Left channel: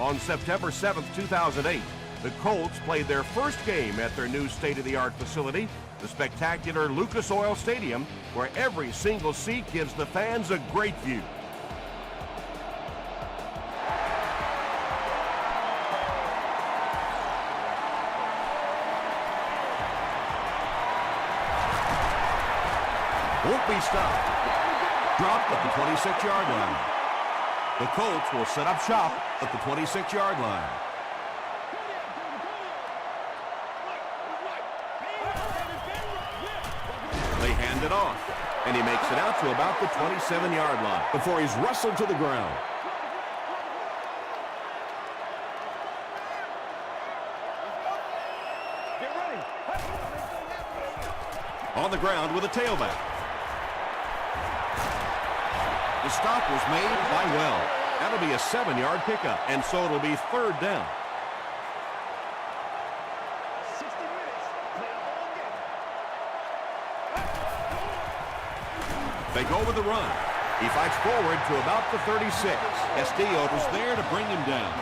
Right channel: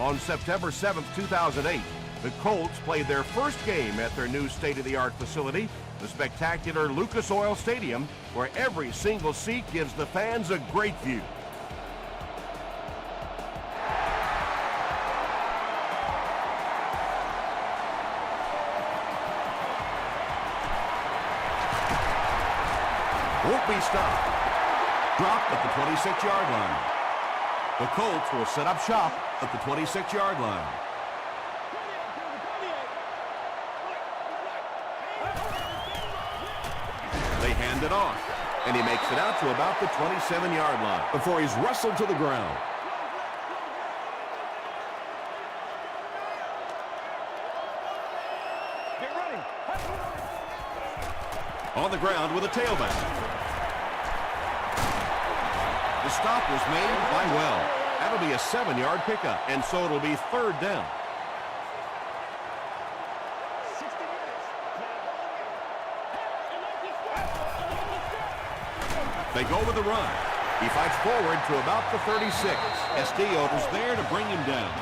On September 7th, 2008, the Colts played their first game at their new state-of-the-art facility, the spectacular Lucas Oil Stadium, where every single seat gives the fans a great view. Won't be stopped. Dropped at the 26-yard line. The Colts will set up shop at the 26-yard line. They hand it off, and he makes it out to about the 27-yard line before he's wrestled to the ground. Get ready. On the ground with a tailback. The stop was made by Well. That'll be a 7-yard pickup, and so it'll be third down. 60 minutes, play the whole game. They go with the run. He fights forward to about the 36. Castillo was there to bring him down.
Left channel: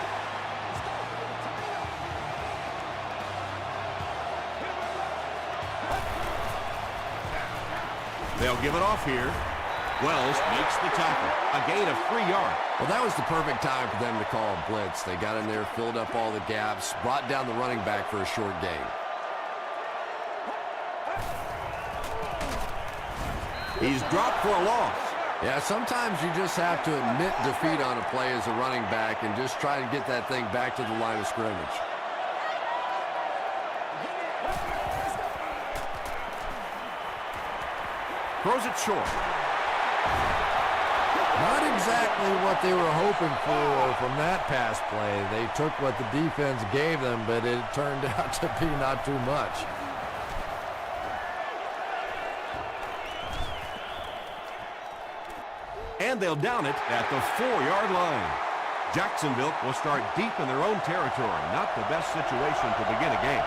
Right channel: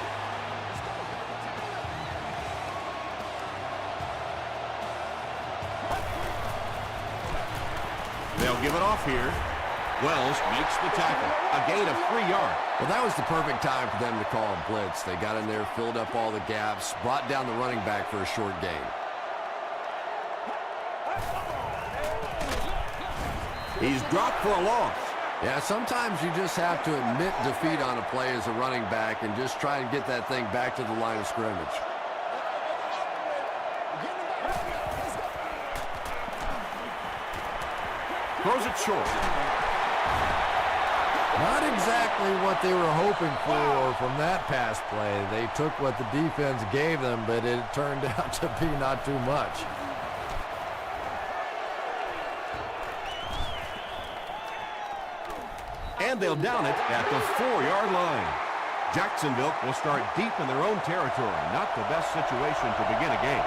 They'll give it off here. Wells makes the tackle. A gain of 3 yards. Well, that was the perfect time for them to call a blitz. They got in there, filled up all the gaps, brought down the running back for a short gain. He's dropped for a loss. Yeah, sometimes you just have to admit defeat on a play as a running back and just try to get that thing back to the line of scrimmage. Throws it short. Not exactly what they were hoping for from that pass play. They took what the defense gave them, but it turned out to be not too much. And they'll down it at the 4-yard line. Jacksonville will start deep in their own territory. Not the best situation to begin a game.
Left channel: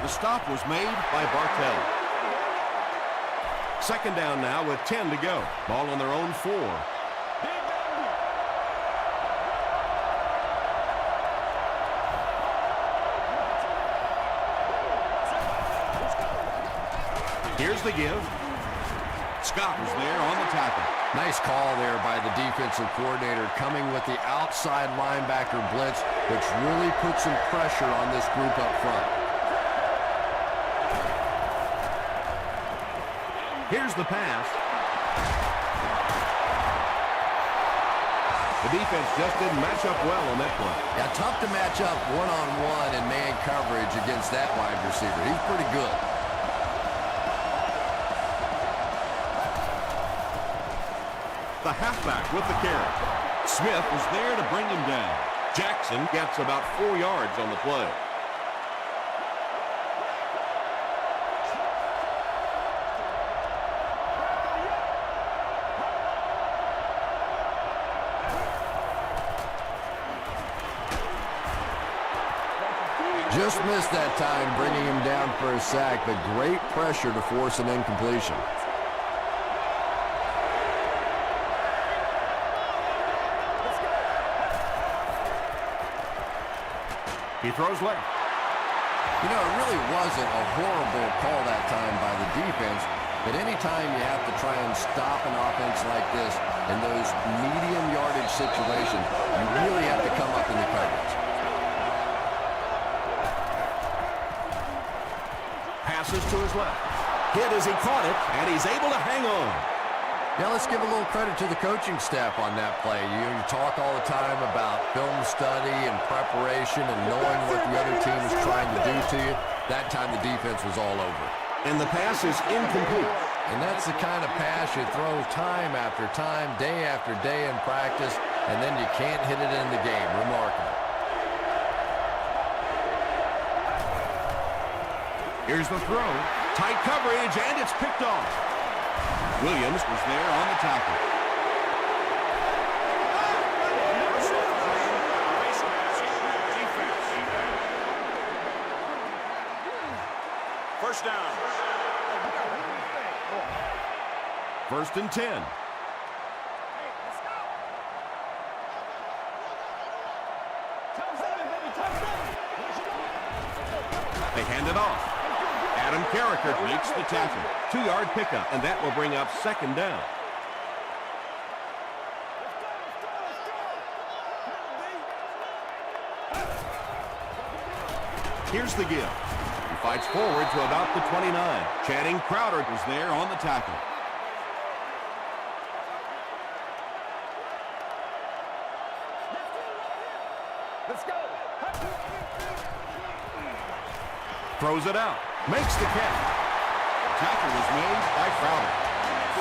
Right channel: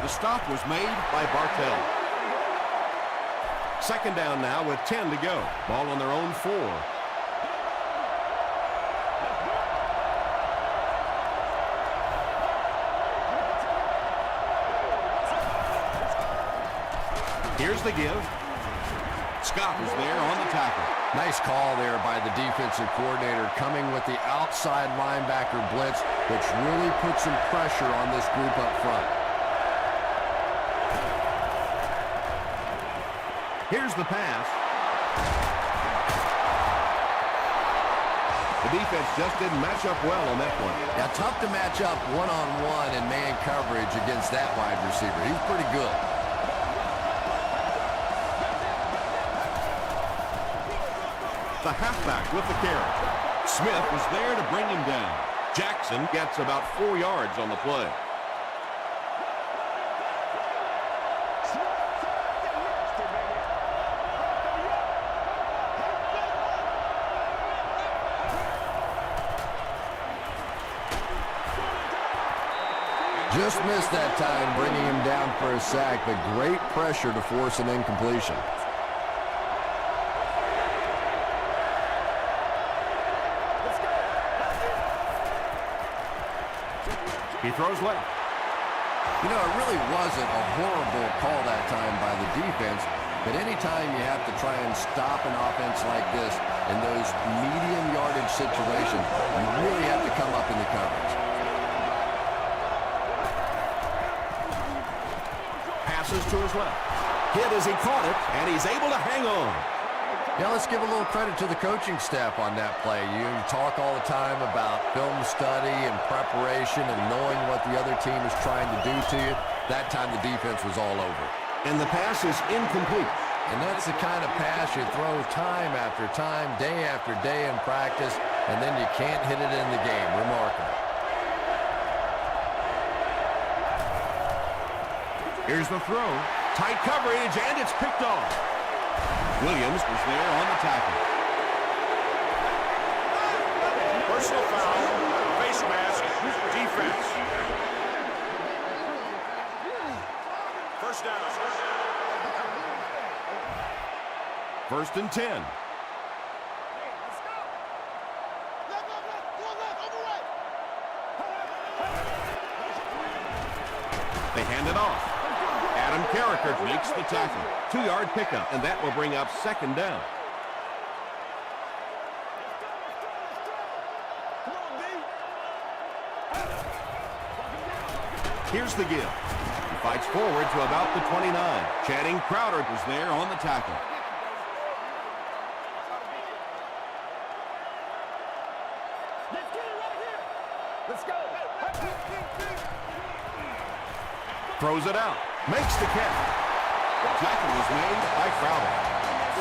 The stop was made by Bartell. Second down now with 10 to go. Ball on their own 4. Here's the give. Scott was there on the tackle. Nice call there by the defensive coordinator, coming with the outside linebacker blitz, which really put some pressure on this group up front. Here's the pass. The defense just didn't match up well on that one. Yeah, tough to match up one-on-one in man coverage against that wide receiver. He's pretty good. The halfback with the carry. Smith was there to bring him down. Jackson gets about 4 yards on the play. Just missed that time, bringing him down for a sack, but great pressure to force an incompletion. He throws left. You know, it really wasn't a horrible call that time by the defense, but anytime you have to try and stop an offense like this in those medium yardage situations, you really have to come up in the coverage. Passes to his left. Hit as he caught it, and he's able to hang on. Yeah, let's give a little credit to the coaching staff on that play. You talk all the time about film study and preparation and knowing what the other team is trying to do to you. That time the defense was all over. And the pass is incomplete. And that's the kind of pass you throw time after time, day after day in practice, and then you can't hit it in the game. Remarkable. Here's the throw. Tight coverage, and it's picked off. Williams was there on the tackle. Personal foul, face mask, defense. First down. 1st and 10. hand it off. Adam Carricker makes the tackle. 2-yard pickup, and that will bring up second down. Here's the give. He fights forward to about the 29. Channing Crowder was there on the tackle. Let's get it right here. Let's go. Throws it out. Makes the catch. Tackle was made by Crowder.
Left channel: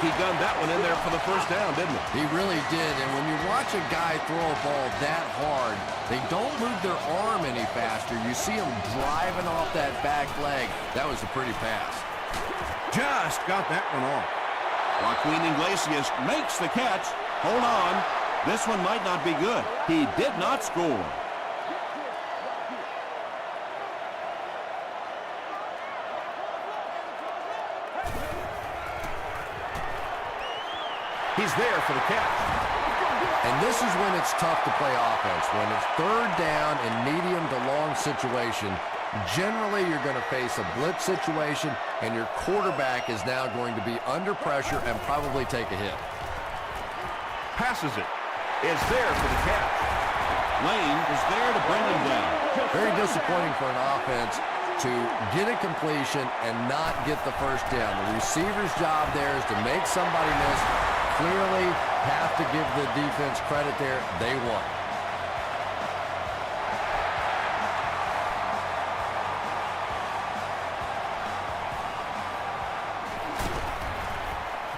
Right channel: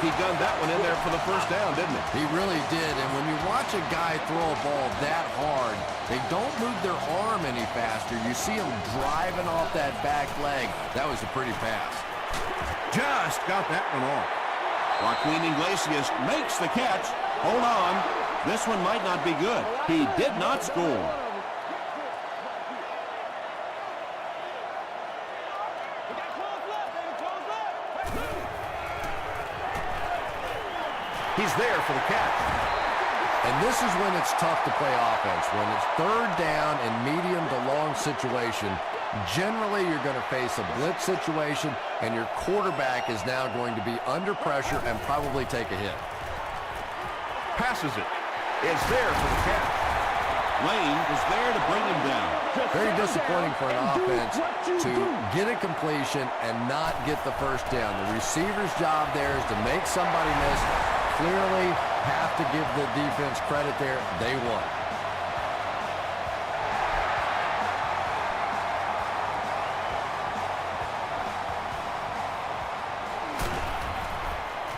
He gunned that one in there for the first down, didn't he? He really did, and when you watch a guy throw a ball that hard, they don't move their arm any faster. You see him driving off that back leg. That was a pretty pass. Just got that one off. Joaquin Iglesias makes the catch. Hold on. This one might not be good. He did not score. He's there for the catch. And this is when it's tough to play offense. When it's third down in medium to long situation, generally you're going to face a blitz situation, and your quarterback is now going to be under pressure and probably take a hit. Passes it. Is there for the catch. Lane was there to bring him down. Very disappointing for an offense to get a completion and not get the first down. The receiver's job there is to make somebody miss. Clearly have to give the defense credit there. They won.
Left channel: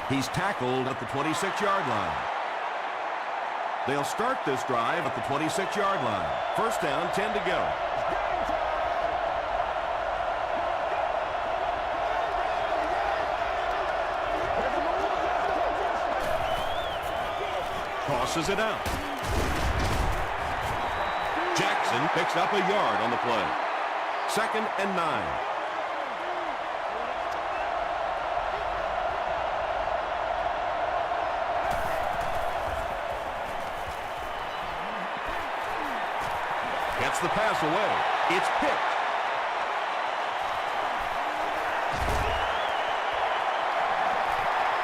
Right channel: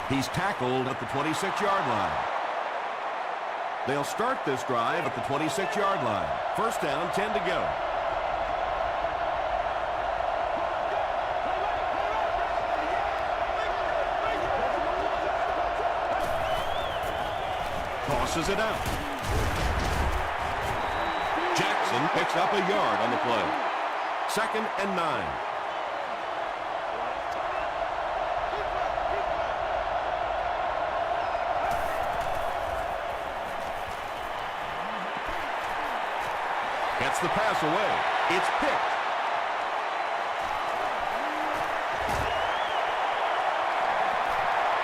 He's tackled at the 26-yard line. They'll start this drive at the 26-yard line. First down, 10 to go. Tosses it out. Jackson picks up a yard on the play. 2nd and 9. Gets the pass away. It's picked.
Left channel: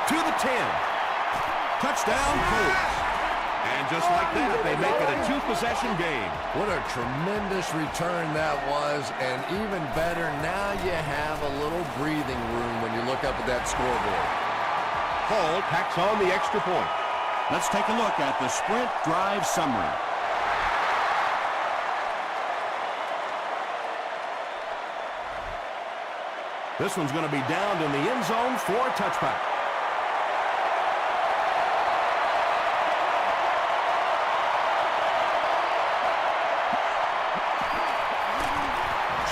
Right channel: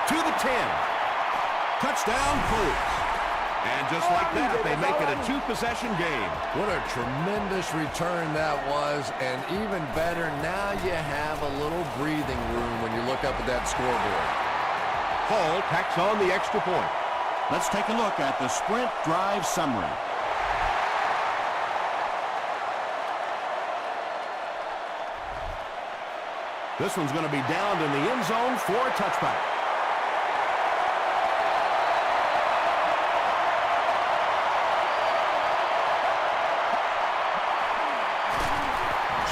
To the 10. Touchdown, Colts. And just like that, they make it a 2-possession game. What a tremendous return that was, and even better, now you have a little breathing room when you look up at that scoreboard. Hall tacks on the extra point. Let's take a look at the sprint drive summary. This one's going to be downed in the end zone for a touchback.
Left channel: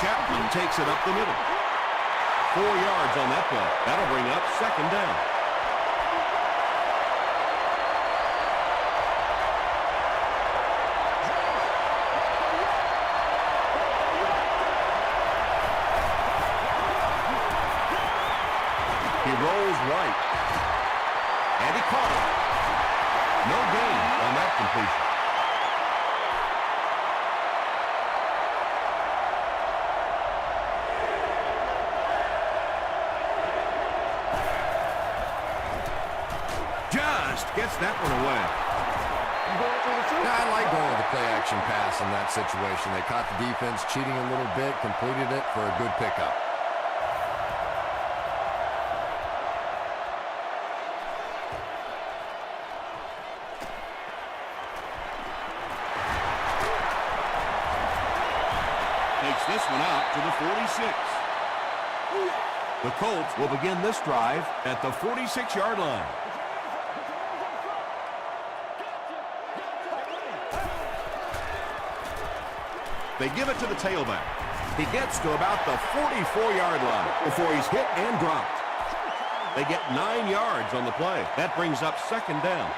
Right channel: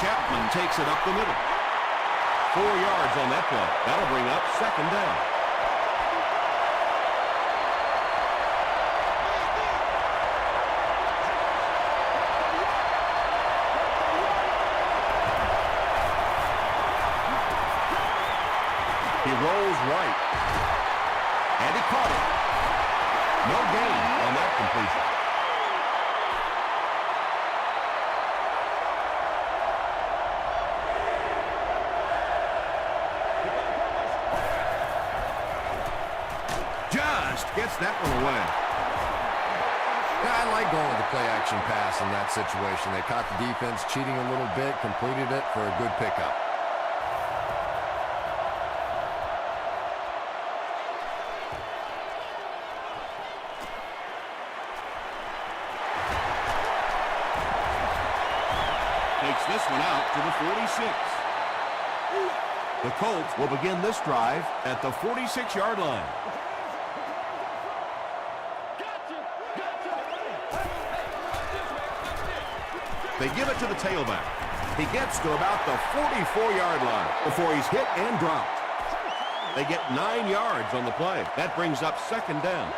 Chapman takes it up the middle. 4 yards on that play. That'll bring up second down. He rolls right. And he caught it. No gain on that completion. Just gets that one away. Yeah, I like going with the play-action pass in that situation. They caught the defense cheating a little bit, completed it for a good pickup. Takes this one out to the 46. The Colts will begin this drive at the 46-yard line. They give it to the tailback. He gets to about the 44-yard line before he's hit and dropped. They get 9 yards on the play. That brings up second down.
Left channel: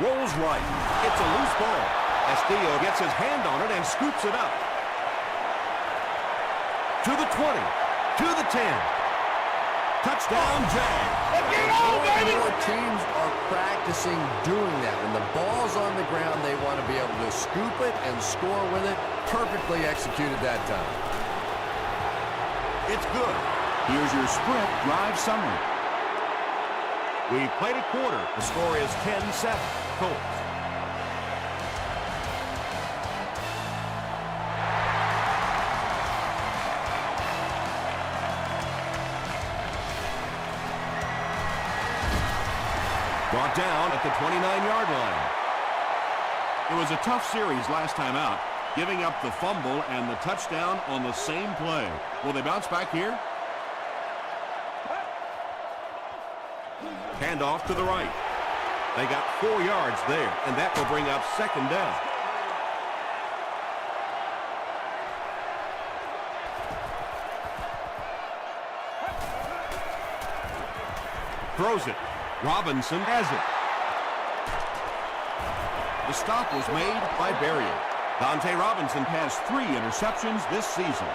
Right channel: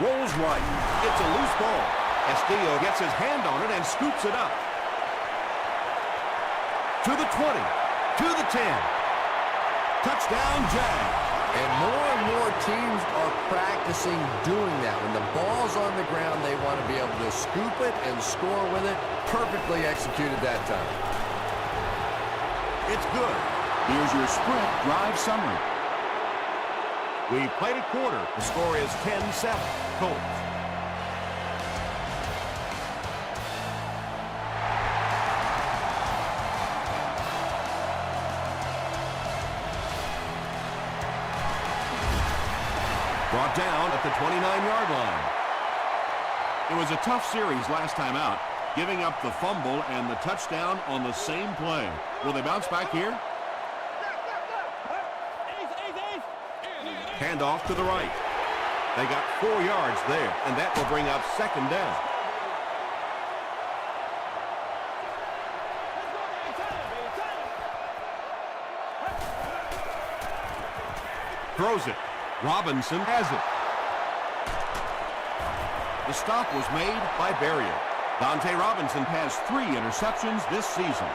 Rolls right. It's a loose ball. Castillo gets his hand on it and scoops it up. To the 20. To the 10. Touchdown, Jag. And more teams are practicing doing that. When the ball's on the ground, they want to be able to scoop it and score with it. Perfectly executed that time. It's good. Here's your sprint drive summary. We played a quarter. The score is 10-7, Colts. Brought down at the 29-yard line. It was a tough series last time out, giving up the fumble and the touchdown on the same play. Will they bounce back here? Handoff to the right. They got 4 yards there, and that will bring up second down. Throws it. Robinson has it. The stop was made by Berrien. Dante Robinson has 3 interceptions this season.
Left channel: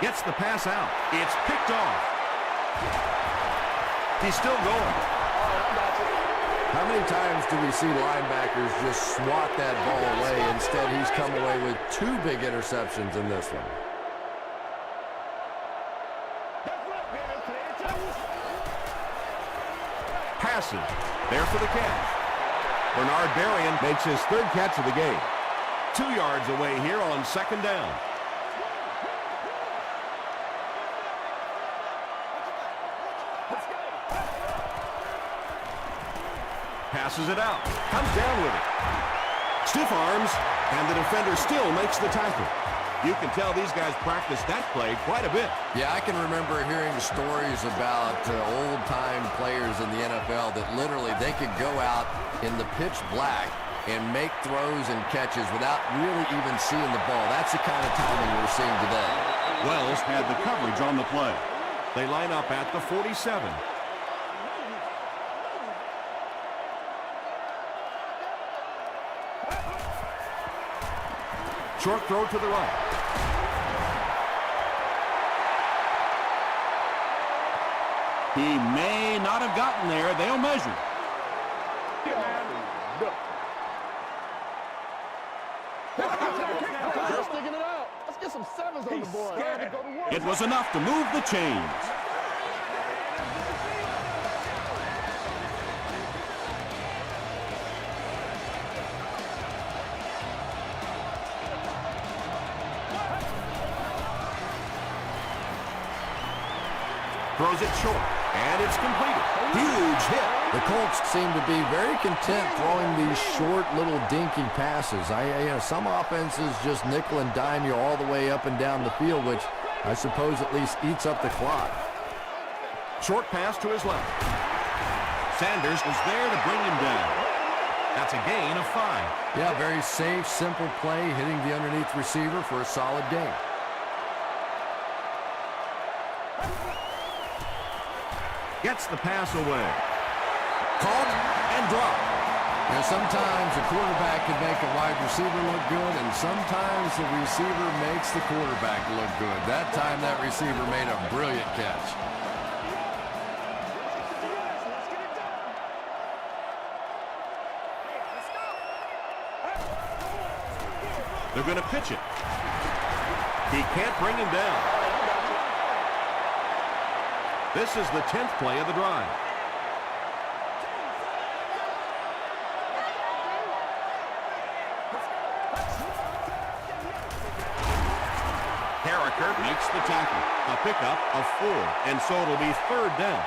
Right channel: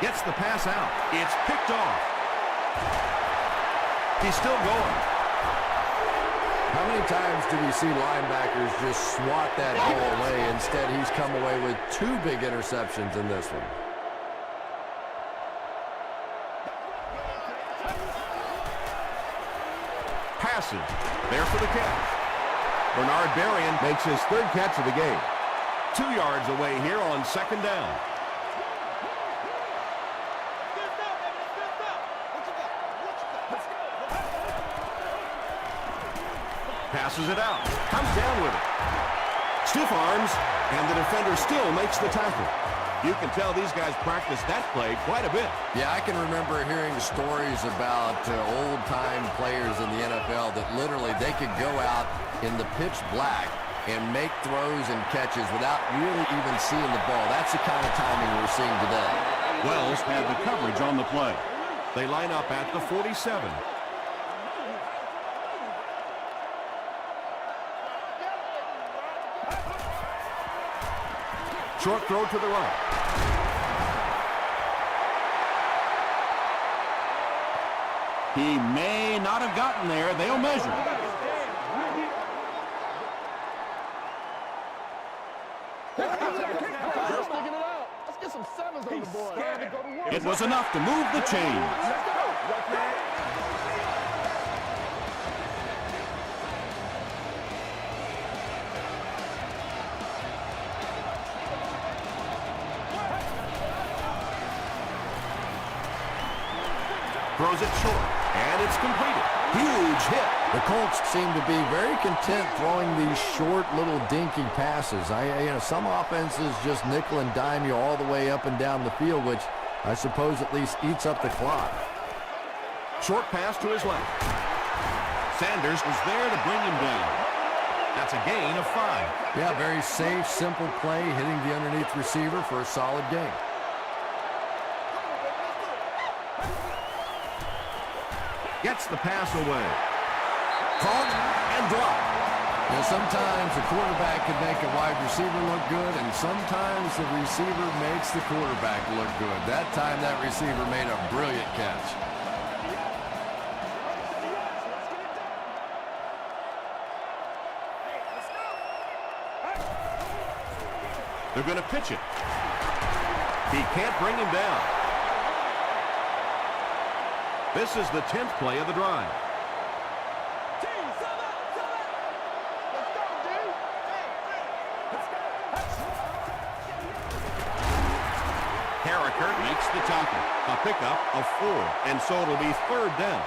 Gets the pass out. It's picked off. He's still going. How many times do we see linebackers just swat that ball away? Instead, he's come away with 2 big interceptions in this one. Passes. There for the catch. Bernard Berrien makes his 3rd catch of the game. 2 yards away here on second down. Passes it out. Comes down with it. Stiff arms, and the defender still makes the tackle. You can tell these guys practice that play quite a bit. Yeah, I can remember hearing stories about old-time players in the NFL that literally they could go out in the pitch black and make throws and catches without really even seeing the ball. That's the kind of timing we're seeing today. Wells had the coverage on the play. They line up at the 47. Short throw to the right. He may not have gotten there. They'll measure. They're sticking it out. Let's get some sevens on the board. It was enough to move the chains. Let's go. Throws it short, and it's completed. Huge hit. The Colts seem to be very content throwing these short little dinky passes. Some offenses just nickel and dime you all the way up and down the field, which I suppose at least eats up the clock. Short pass to his left. Sanders was there to bring him down. That's a gain of 5. Yeah, very safe, simple play, hitting the underneath receiver for a solid gain. Gets the pass away. Caught and dropped. Sometimes a quarterback can make a wide receiver look good, and sometimes the receiver makes the quarterback look good. That time, that receiver made a brilliant catch. They're going to pitch it. He can't bring him down. This is the 10th play of the drive. Carricker makes the tackle. A pickup of 4, and so it'll be 3rd down.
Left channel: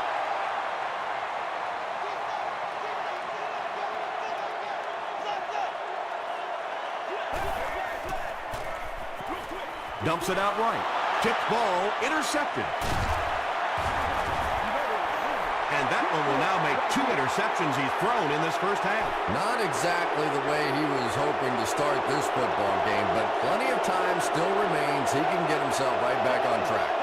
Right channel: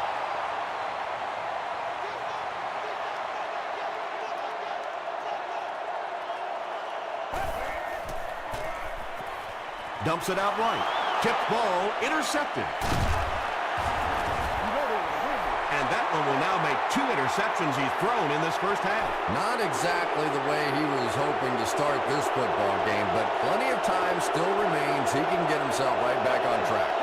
Dumps it out right. Tipped ball, intercepted. And that one will now make 2 interceptions he's thrown in this first half. Not exactly the way he was hoping to start this football game, but plenty of time still remains. He can get himself right back on track.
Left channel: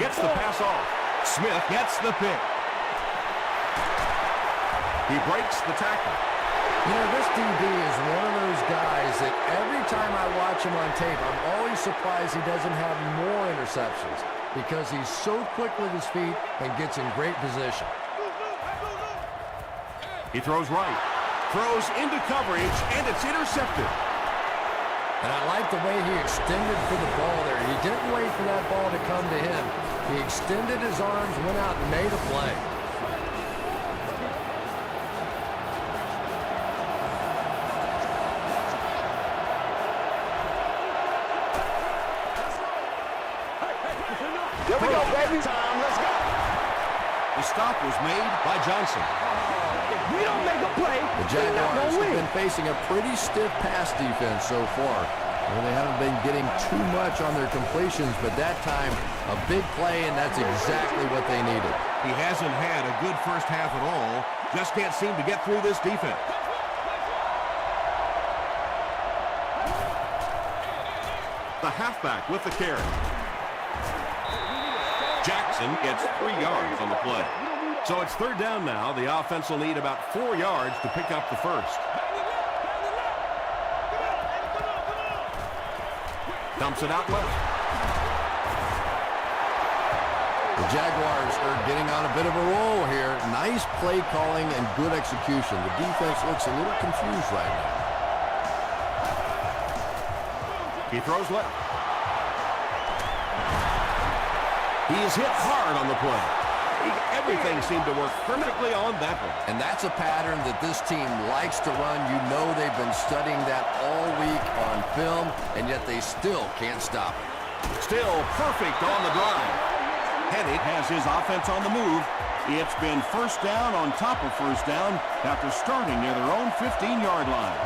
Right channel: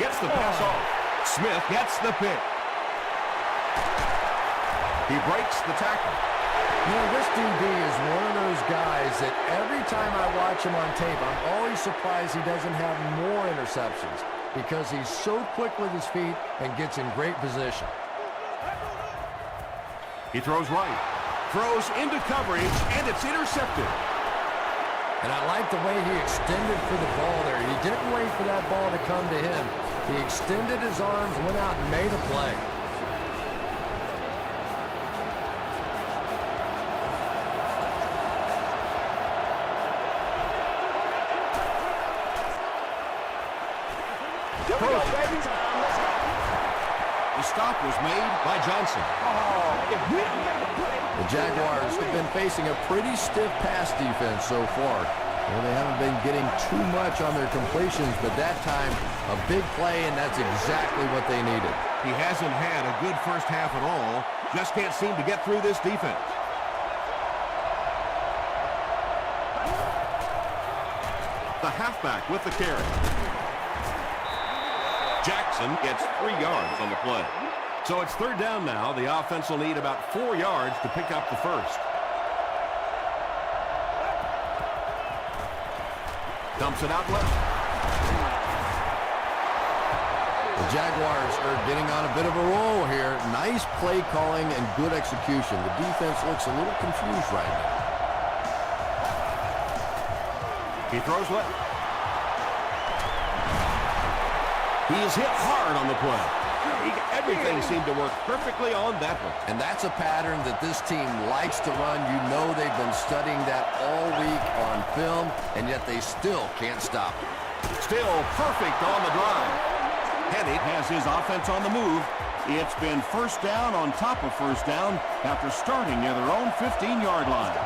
Gets the pass off. Smith gets the pick. He breaks the tackle. You know, this DB is one of those guys that every time I watch him on tape, I'm always surprised he doesn't have more interceptions because he's so quick with his feet and gets in great position. He throws right, throws into coverage, and it's intercepted. And I like the way he extended for the ball there. He didn't wait for that ball to come to him. He extended his arms, went out and made a play. There we go, baby. The stop was made by Johnson. Oh, if we don't make a play, The Jaguars have been facing a pretty stiff pass defense so far. Well, they haven't been getting too much on their completions, but that time, a big play, and that's exactly what they needed. He hasn't had a good first half at all. Just can't seem to get through this defense. The halfback with the carry. Jackson gets 3 yards on the play. So it's third down now. The offense will need about 4 yards to pick up the first. Dumps it out left. The Jaguars are getting on a bit of a roll here. Nice play calling and good execution. The defense looks a little confused right now. He throws left. He is hit hard on the play. Everything seemed to work perfectly on that one. And that's a pattern that this team likes to run. You know they've been studying that all week on film, and yet they still can't stop it. Still perfect on the drive. Hennig has his offense on the move. It's been first down on top of first down after starting near their own 15-yard line.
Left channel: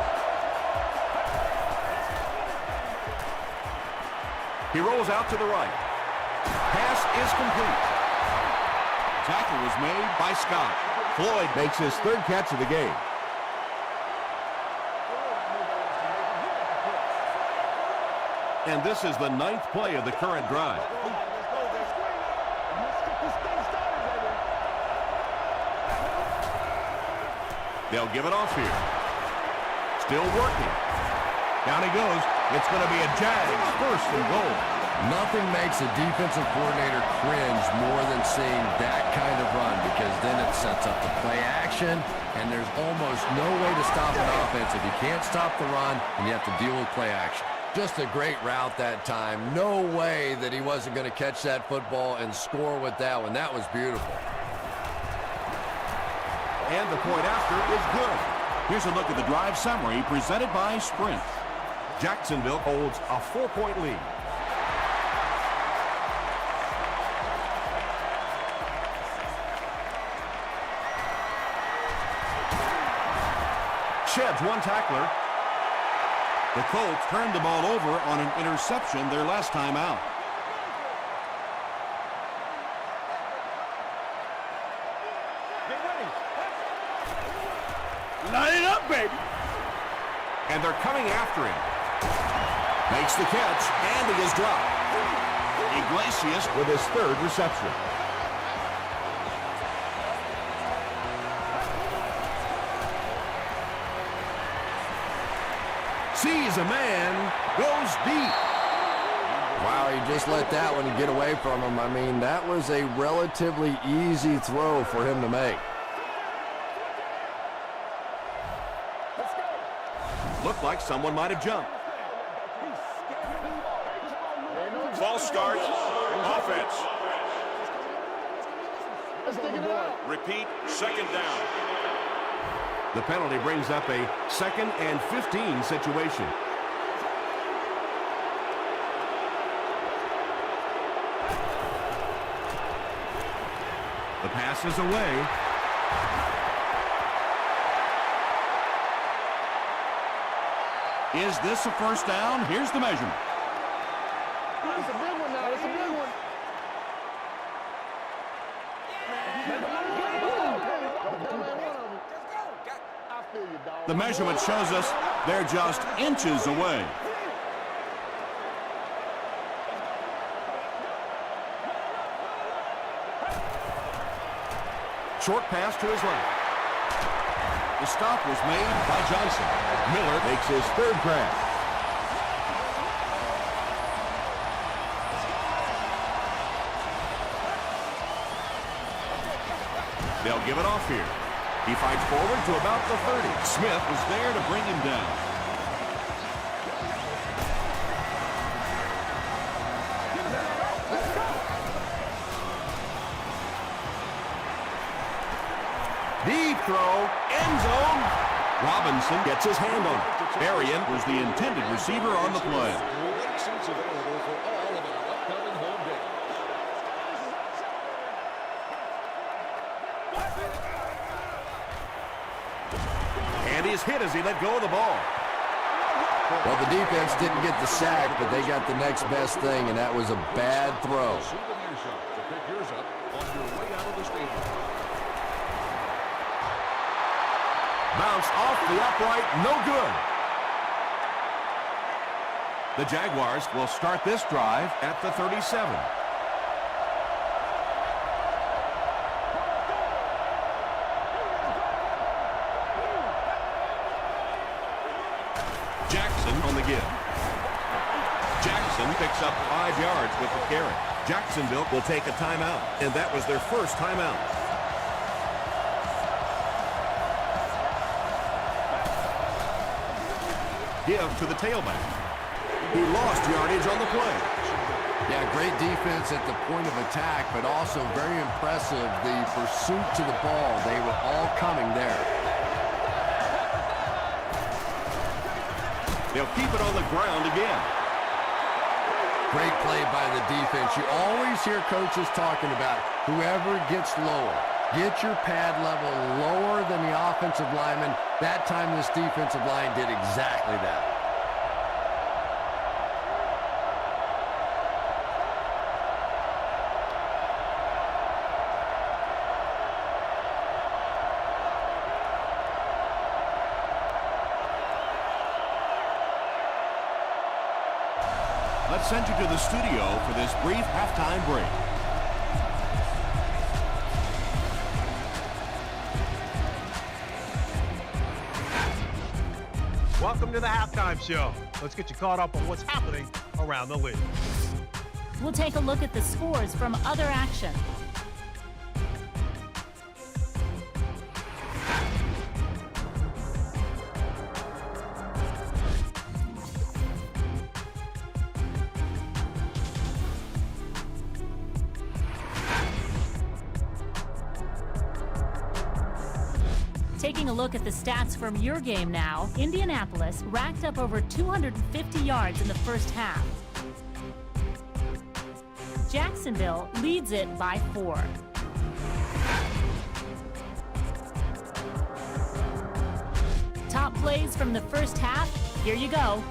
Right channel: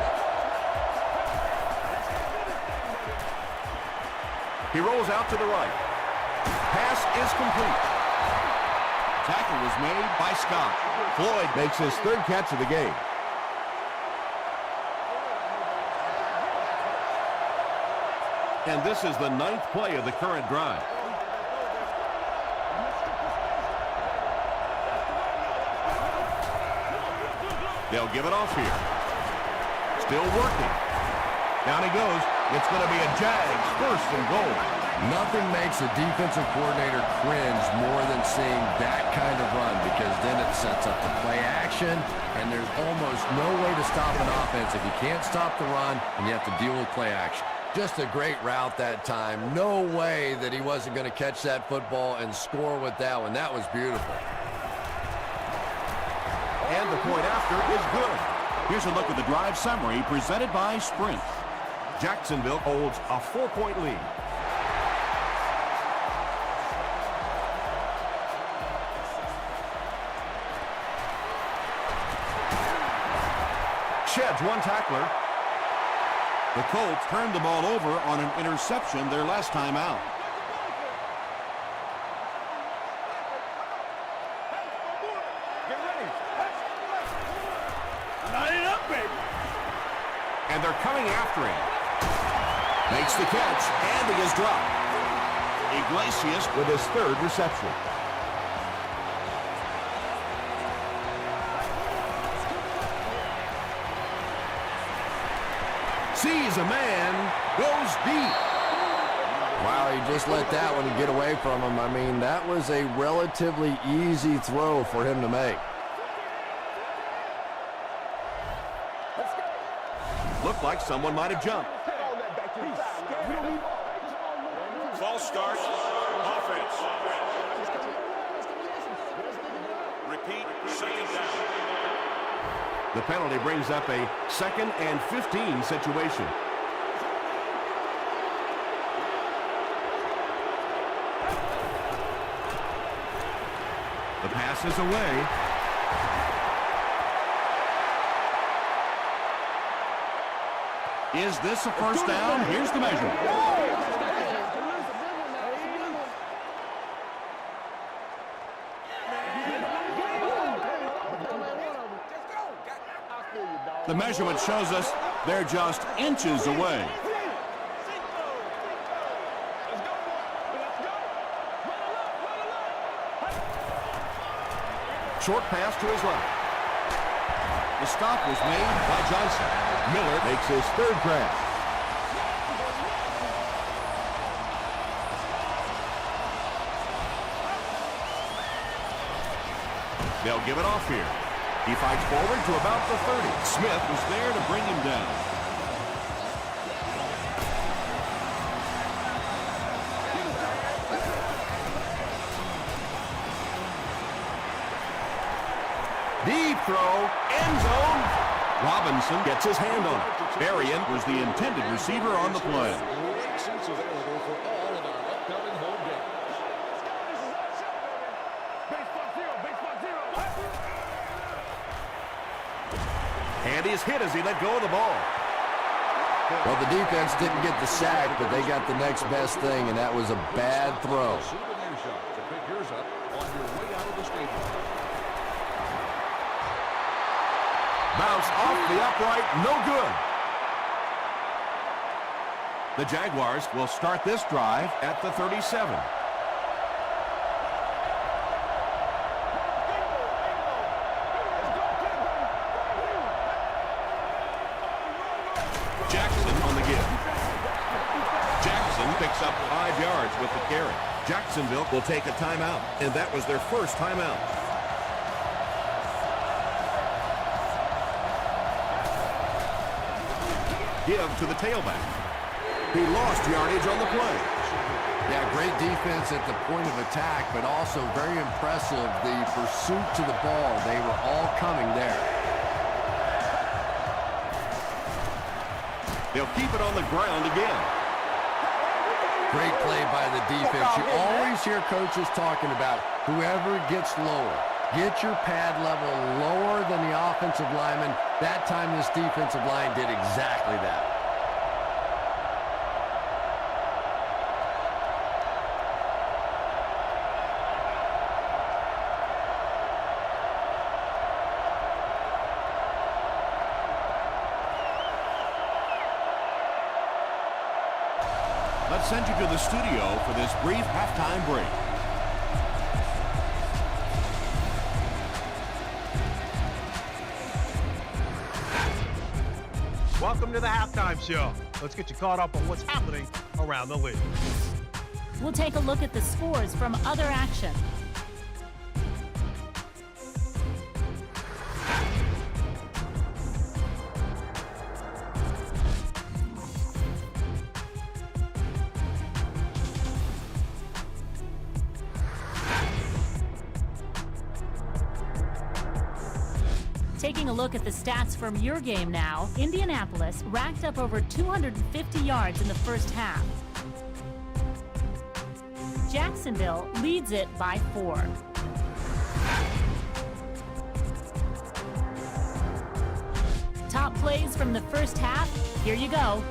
He rolls out to the right. Pass is complete. Tackle was made by Scott. Floyd makes his third catch of the game. And this is the 9th play of the current drive. They'll give it off here. Still working. Down he goes. It's going to be a Jags first and goal. Nothing makes a defensive coordinator cringe more than seeing that kind of run, because then it sets up the play action, and there's almost no way to stop an offense if you can't stop the run and you have to deal with play action. Just a great route that time. No way that he wasn't going to catch that football and score with that one. That was beautiful. And the point after is good. Here's a look at the drive summary presented by Sprint. Jacksonville holds a 4-point lead. Sheds one tackler. The Colts turned the ball over on an interception their last time out. Get ready. Line it up, baby. And they're coming after him. Makes the catch, and he is dropped. Iglesias with his third reception. Sees a man, goes deep. Wow, he just let that one get away from him. I mean, that was a relatively easy throw for him to make. Let's go. Looked like someone might have jumped. False start, offense. Repeat, second down. The penalty brings up a 2nd and 15 situation. The pass is away. Is this a first down? Here's the measurement. It's a big one now. It's a big one. The measurement shows us they're just inches away. Short pass to his left. The stop was made by Johnson. Miller makes his third grab. They'll give it off here. He fights forward to about the 30. Smith was there to bring him down. Deep throw, end zone. Robinson gets his hand on it. Arian was the intended receiver on the play. And he's hit as he let go of the ball. Well, the defense didn't get the sack, but they got the next best thing, and that was a bad throw. Bounced off the upright, no good. The Jaguars will start this drive at the 37. Jackson on the give. Jackson picks up 5 yards with the carry. Jacksonville will take a timeout, and that was their first timeout. Give to the tailback. He lost yardage on the play. Yeah, great defense at the point of attack, but also very impressive the pursuit to the ball. They were all coming there. They'll keep it on the ground again. Great play by the defense. You always hear coaches talking about whoever gets lower. Get your pad level lower than the offensive lineman. That time this defensive line did exactly that. Let's send you to the studio for this brief halftime break. Welcome to the halftime show. Let's get you caught up on what's happening around the league. We'll take a look at the scores from other action. Taking a look at the stats from your game now, Indianapolis racked up over 250 yards in the first half. Jacksonville leads it by 4. Top plays from the first half, here you go.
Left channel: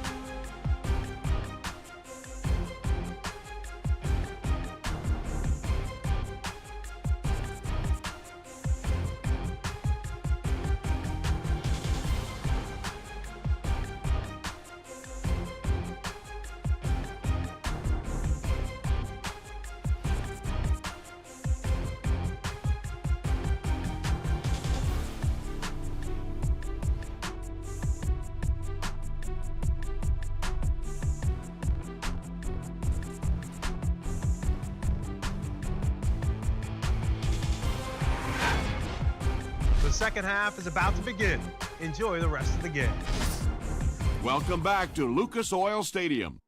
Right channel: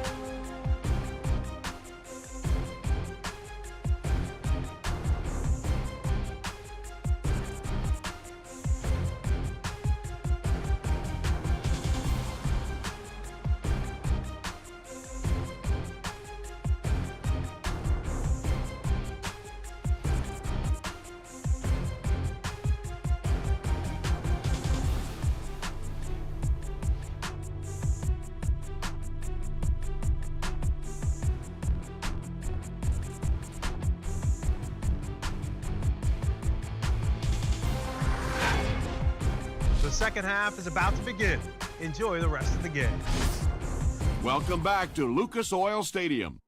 The second half is about to begin. Enjoy the rest of the game. Welcome back to Lucas Oil Stadium.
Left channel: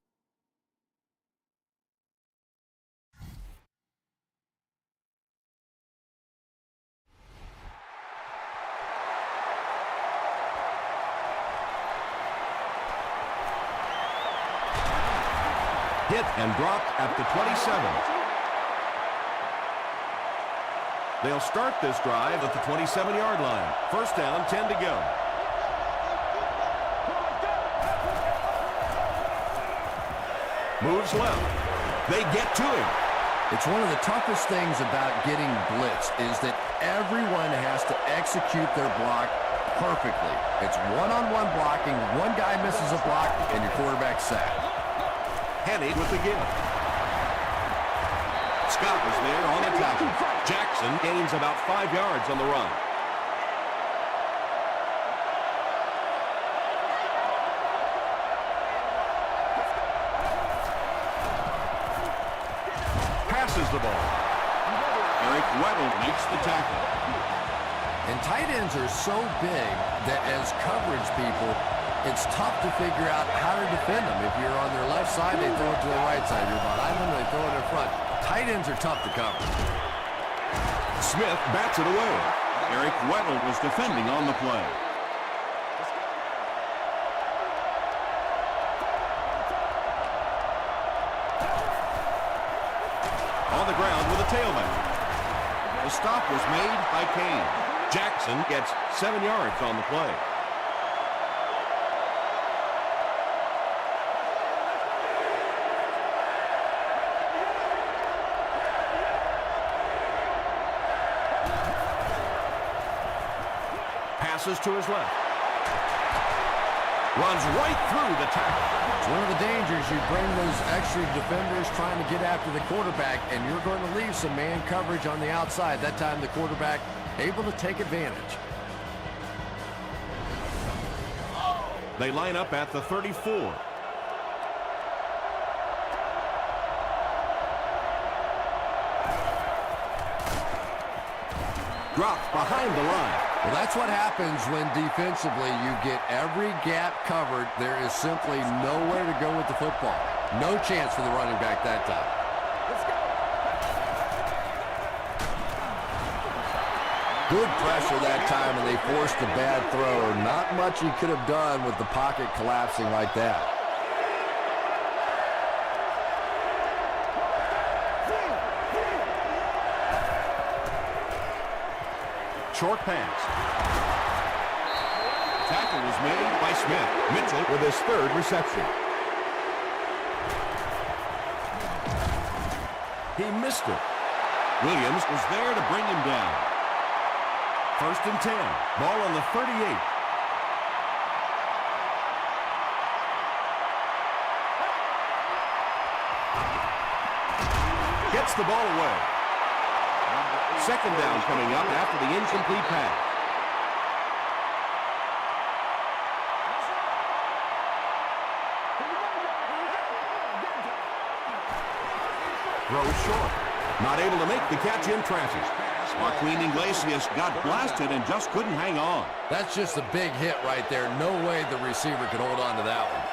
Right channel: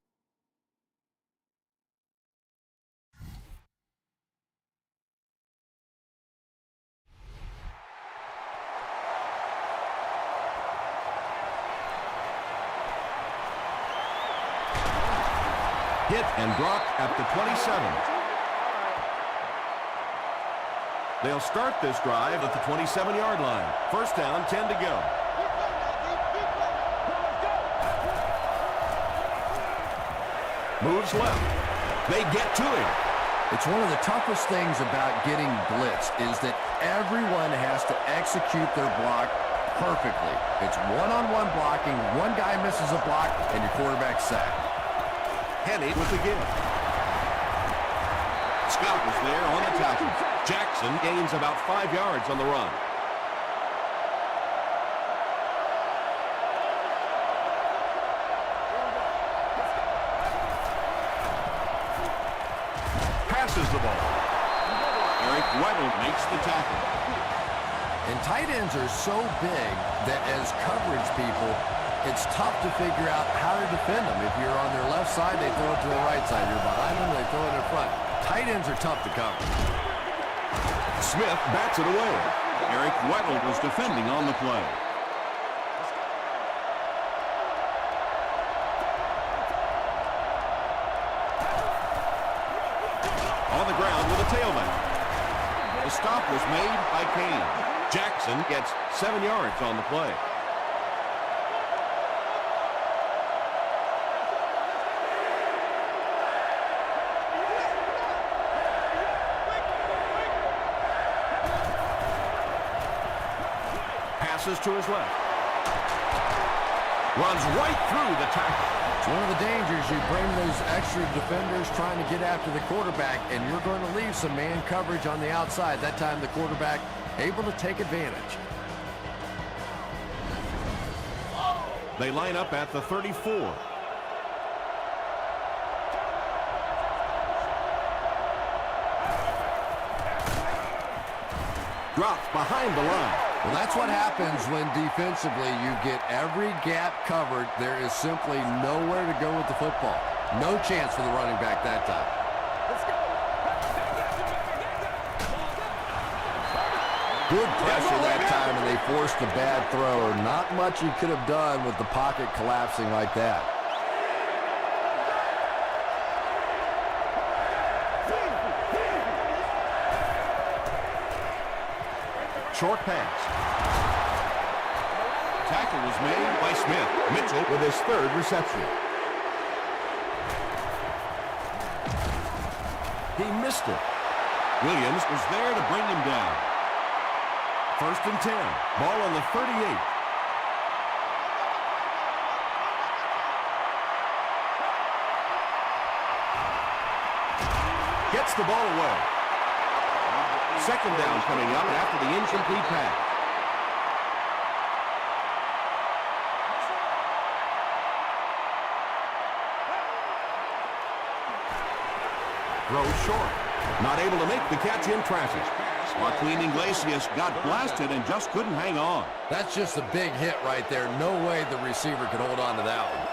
Hit and dropped at the 27. They'll start this drive at the 27-yard line. First down, 10 to go. Moves left. They get to him. It's one of the toughest things about getting blitzed is that everyone has to execute their block perfectly. It's one-on-one blocking. One guy misses a block, and your quarterback's sacked. Henny with the give. Scott was there on the tackle. Jackson gains about 5 yards on the run. the ball. Eric Weddle makes the tackle. And tight ends are so big that as coverage people, it's tough to figure out how to defend them. If you're on their left side, they throw it to their right side. You're behind them, they throw it in front. Tight ends are tough to cover. Smith bats it away. Eric Weddle was defending on the play. On the ground with a tailback. The stop was made by Kane. Jackson gets 7 yards on the play. Passes to his left. Runs right through the tackle. It's one of the dangers. You bring those extra defenders trying to get after the quarterback, and you're going to leave some man coverage on the outside. That time the quarterback able to take advantage. They line up at the 34. Dropped behind the line. Well, that's what happens when defensively you get every gap covered. There is simply nowhere to go with the football. No chance for the running back that time. Let's go. Good pressure that time, and they forced a bad throw. Not much he could have done with the pocket collapsing like that. Short pass. Tackle was made by Smith. Mitchell with his 3rd reception. He missed it. Williams was there to bring him down. 1st and 10. Ball on the 38. Gets the ball away. 2nd down coming up after the incomplete pass. Throws short. Not able to make the catch in traffic. Joaquin Iglesias got blasted and just couldn't hang on. That's just a big hit right there. No way the receiver could hold on to that one.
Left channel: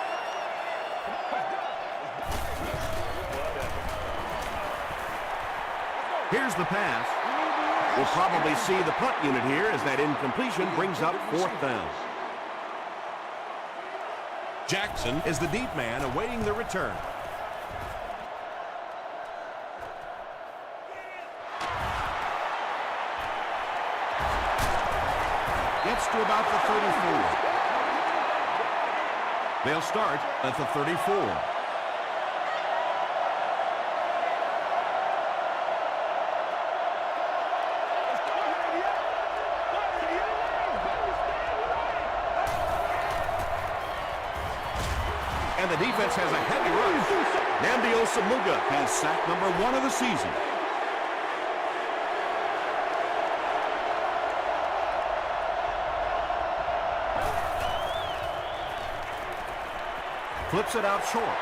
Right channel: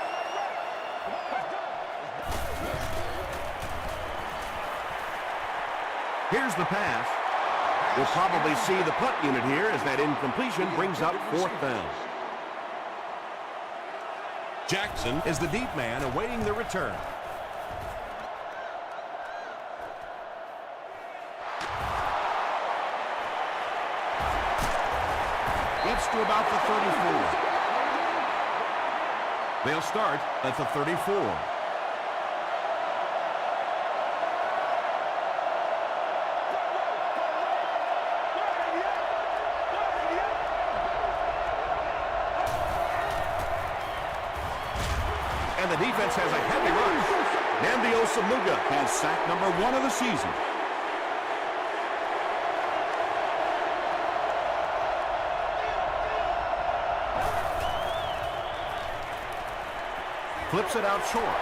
Here's the pass. We'll probably see the punt unit here as that incompletion brings up 4th down. Jackson is the deep man awaiting the return. Gets to about the 34. They'll start at the 34. And the defense has a heavy rush. Nnamdi Osamuga has sack number 1 of the season. Flips it out short.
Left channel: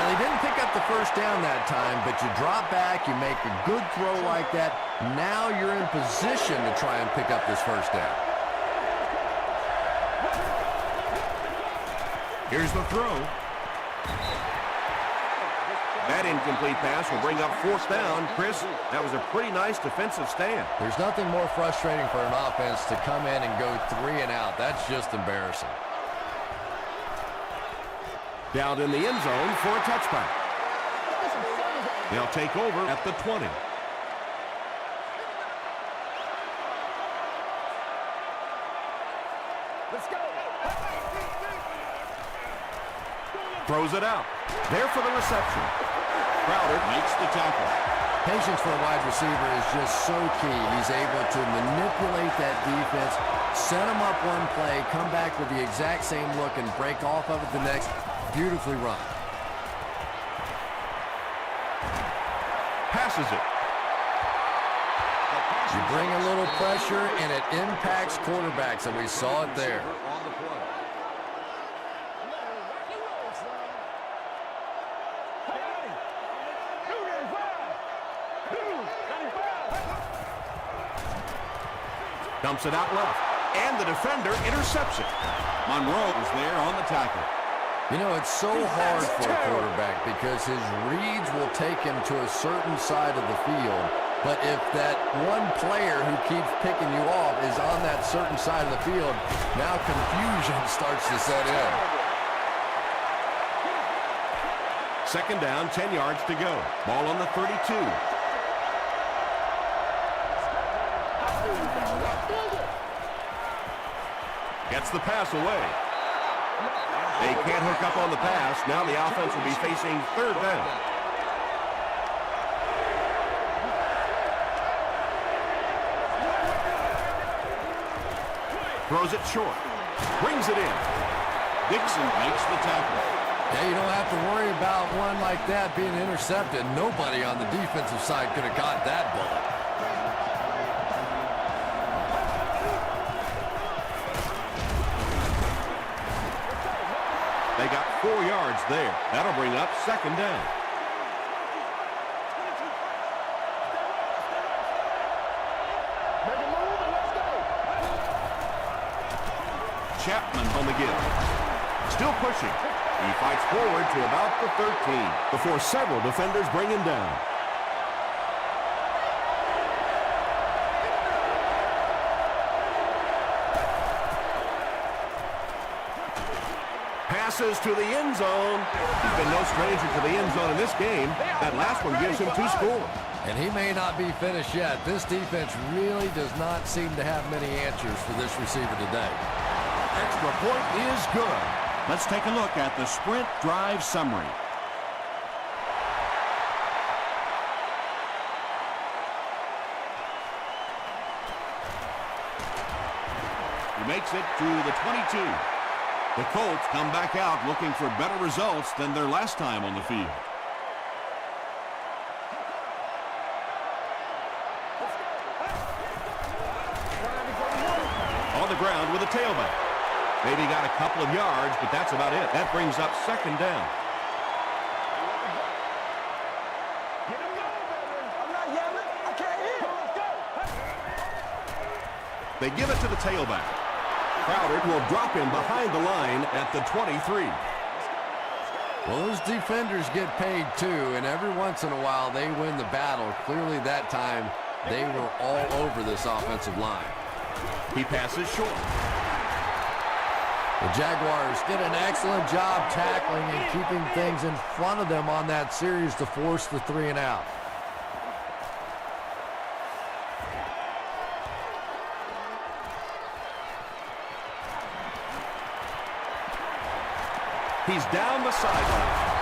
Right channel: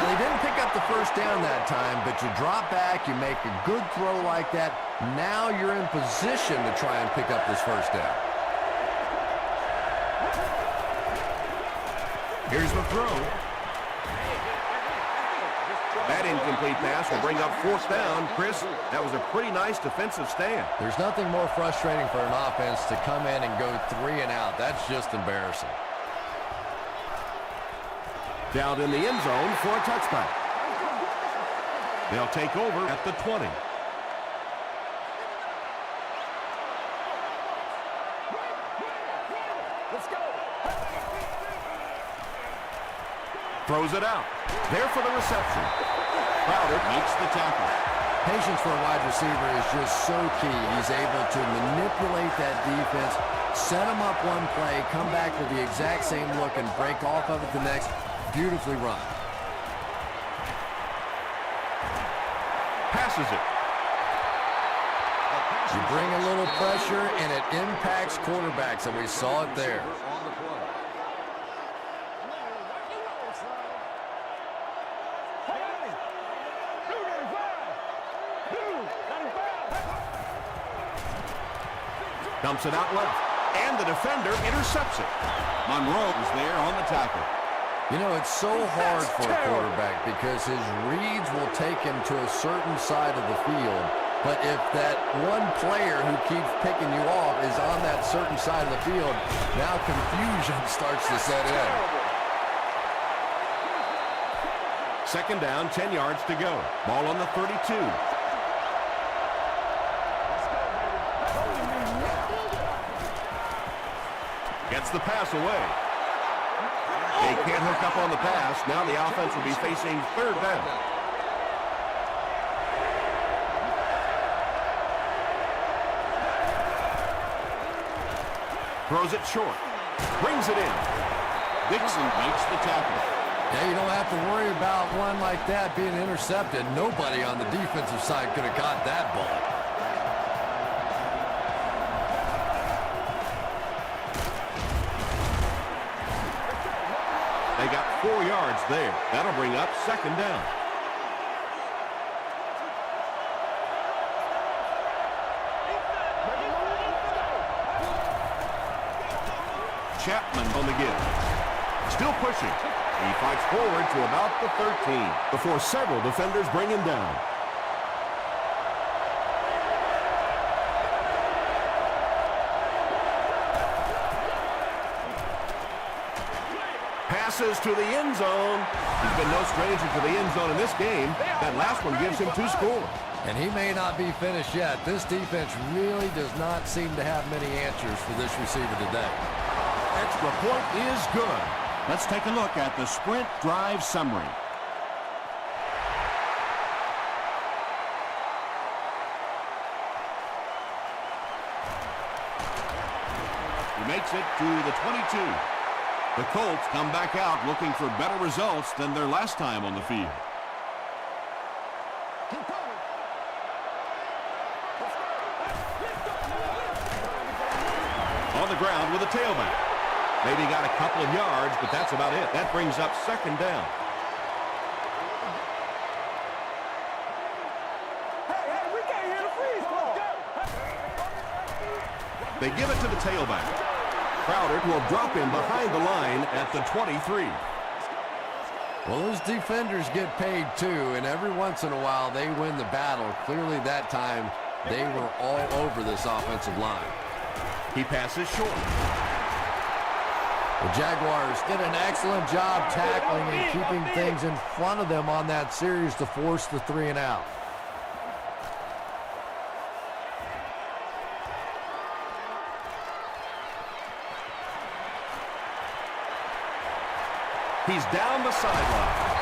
And they didn't pick up the 1st down that time, but you drop back, you make a good throw like that. Now you're in position to try and pick up this 1st down. Here's the throw. That incomplete pass will bring up 4th down. Chris, that was a pretty nice defensive stand. There's nothing more frustrating for an offense to come in and go 3 and out. That's just embarrassing. Down in the end zone for a touchback. They'll take over at the 20. Let's go. Throws it out. There for the reception. Crowder makes the tackle. Patience for a wide receiver is just so key. He's able to manipulate that defense, set them up one play, come back with the exact same look, and break off of it the next. Beautifully run. Passes it. You bring a little pressure, and it impacts quarterbacks, and we saw it there. Hey, Dumps it out left. And the defender intercepts it. Monroe is there on the tackle. You know, it's so hard for a quarterback because his reads will take him to a certain side of the field. But if that one player who keeps picking you off is on that certain side of the field, now confusion starts to set in. Second down, 10 yards to go. Ball on the 32. Gets the pass away. They can't hook up on the pass. Now the offense will be facing third down. Throws it short. Brings it in. Dixon makes the tackle. Yeah, you don't have to worry about one like that being intercepted. Nobody on the defensive side could have caught that bullet. They got 4 yards there. That'll bring up second down. Chapman on the give. Still pushing. He fights forward to about the 13 before several defenders bring him down. Passes to the end zone. He's been no stranger to the end zone in this game. That last one gives him 2 scores. And he may not be finished yet. This defense really does not seem to have many answers for this receiver today. Extra point is good. Let's take a look at the sprint drive summary. He makes it to the 22. The Colts come back out looking for better results than their last time on the field. On the ground with a tailback. Maybe got a couple of yards, but that's about it. That brings up second down. They give it to the tailback. Crowder will drop him behind the line at the 23. Well, those defenders get paid too, and every once in a while they win the battle. Clearly that time they were all over this offensive line. He passes short. The Jaguars did an excellent job tackling and keeping things in front of them on that series to force the 3 and out. He's down the sideline.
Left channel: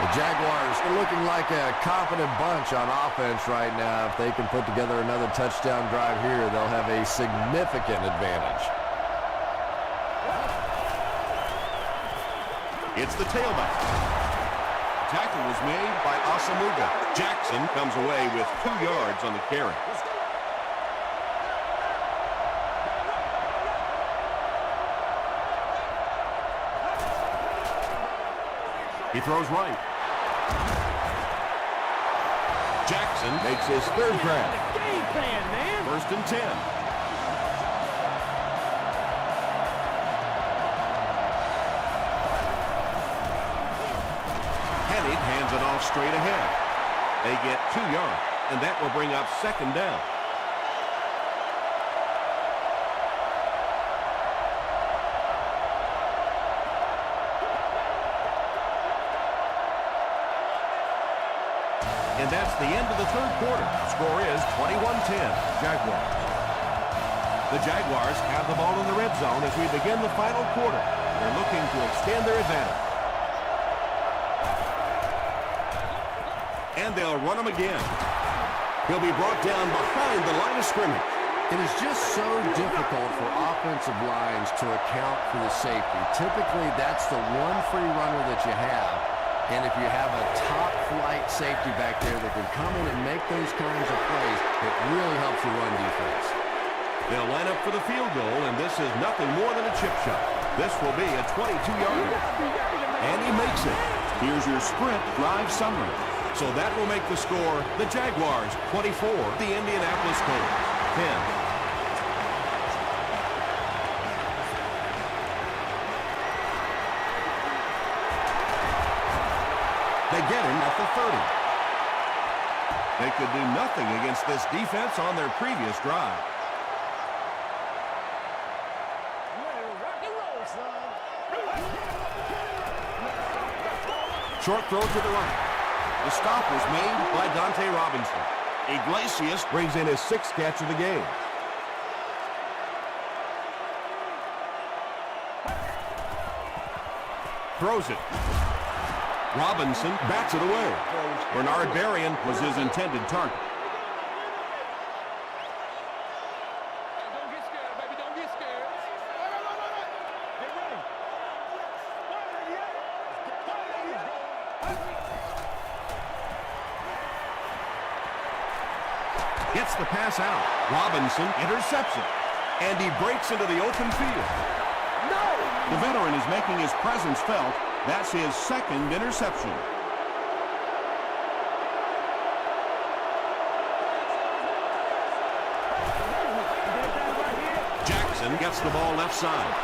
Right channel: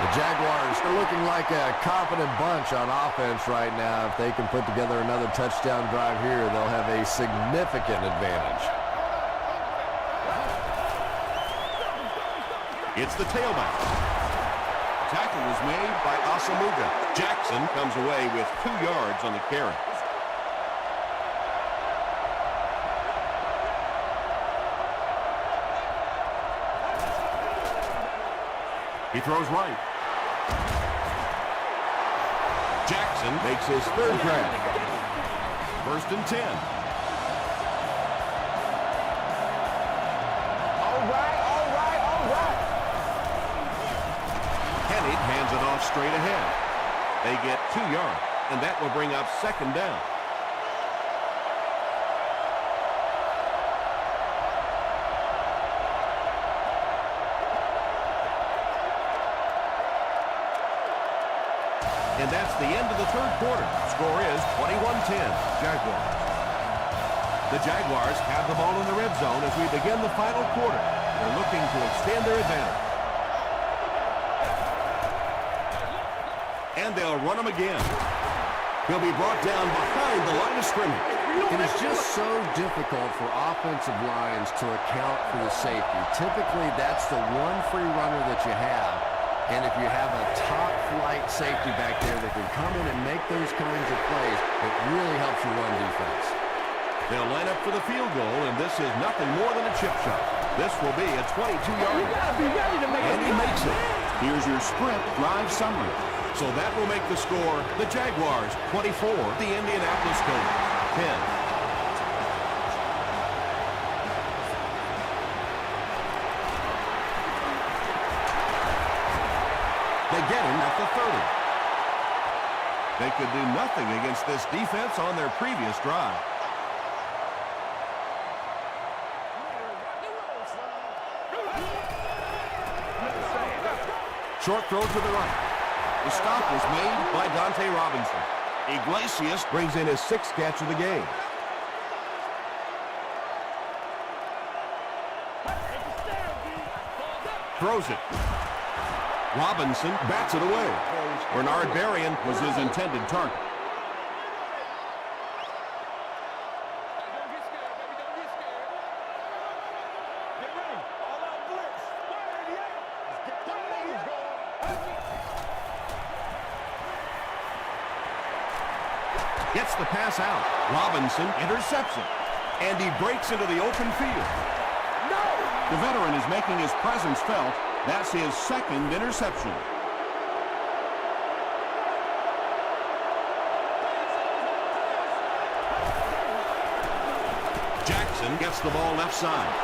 The Jaguars are looking like a confident bunch on offense right now. If they can put together another touchdown drive here, they'll have a significant advantage. It's the tailback. Tackle was made by Asamuga. Jackson comes away with 2 yards on the carry. He throws right. Jackson makes his third grab. First and 10. Hennig hands it off straight ahead. They get 2 yards, and that will bring up second down. And that's the end of the third quarter. Score is 21-10, Jaguars. The Jaguars have the ball in the red zone as we begin the final quarter. They're looking to extend their advantage. And they'll run him again. He'll be brought down behind the line of scrimmage. It is just so difficult for offensive lines to account for the safety. Typically, that's the one free runner that you have. And if you have a top-flight safety back there that can come in and make those kinds of plays, it really helps you run defense. They'll line up for the field goal, and this is nothing more than a chip shot. This will be a 22-yarder. You gotta be ready to make And he makes it. Here's your sprint drive summary. So that will make the score the Jaguars 24, the Indianapolis Colts 10. They get him at the 30. They could do nothing against this defense on their previous drive. Short throw to the right. The stop was made by Dante Robinson. Iglesias brings in his 6th catch of the game. Throws it. Robinson bats it away. Bernard Berrien was his intended target. Hey, don't get scared, baby. Don't get scared. Get ready. All out blitz. Fire 88. Let's get fire 88 going. Gets the pass out. Robinson intercepts it. And he breaks into the open field. No! The veteran is making his presence felt. That's his 2nd interception. Jackson gets the ball left side.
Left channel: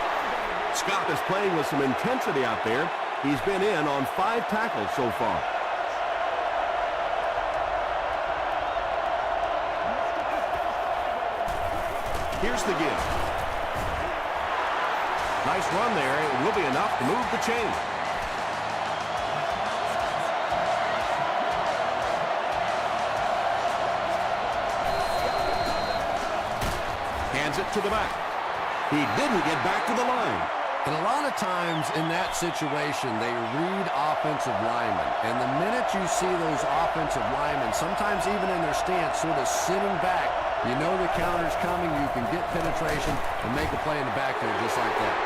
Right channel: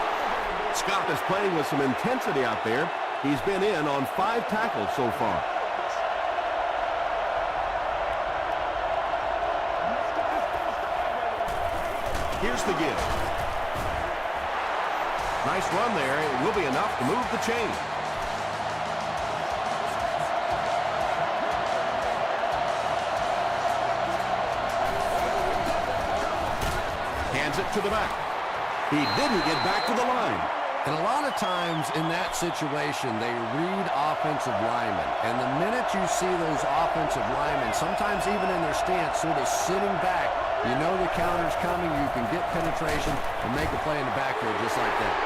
Scott is playing with some intensity out there. He's been in on 5 tackles so far. Here's the give. Nice run there. It will be enough to move the chain. Hands it to the back. He didn't get back to the line. And a lot of times in that situation, they read offensive linemen. And the minute you see those offensive linemen, sometimes even in their stance, sort of sitting back, you know the counter's coming, you can get penetration and make a play in the backfield just like that.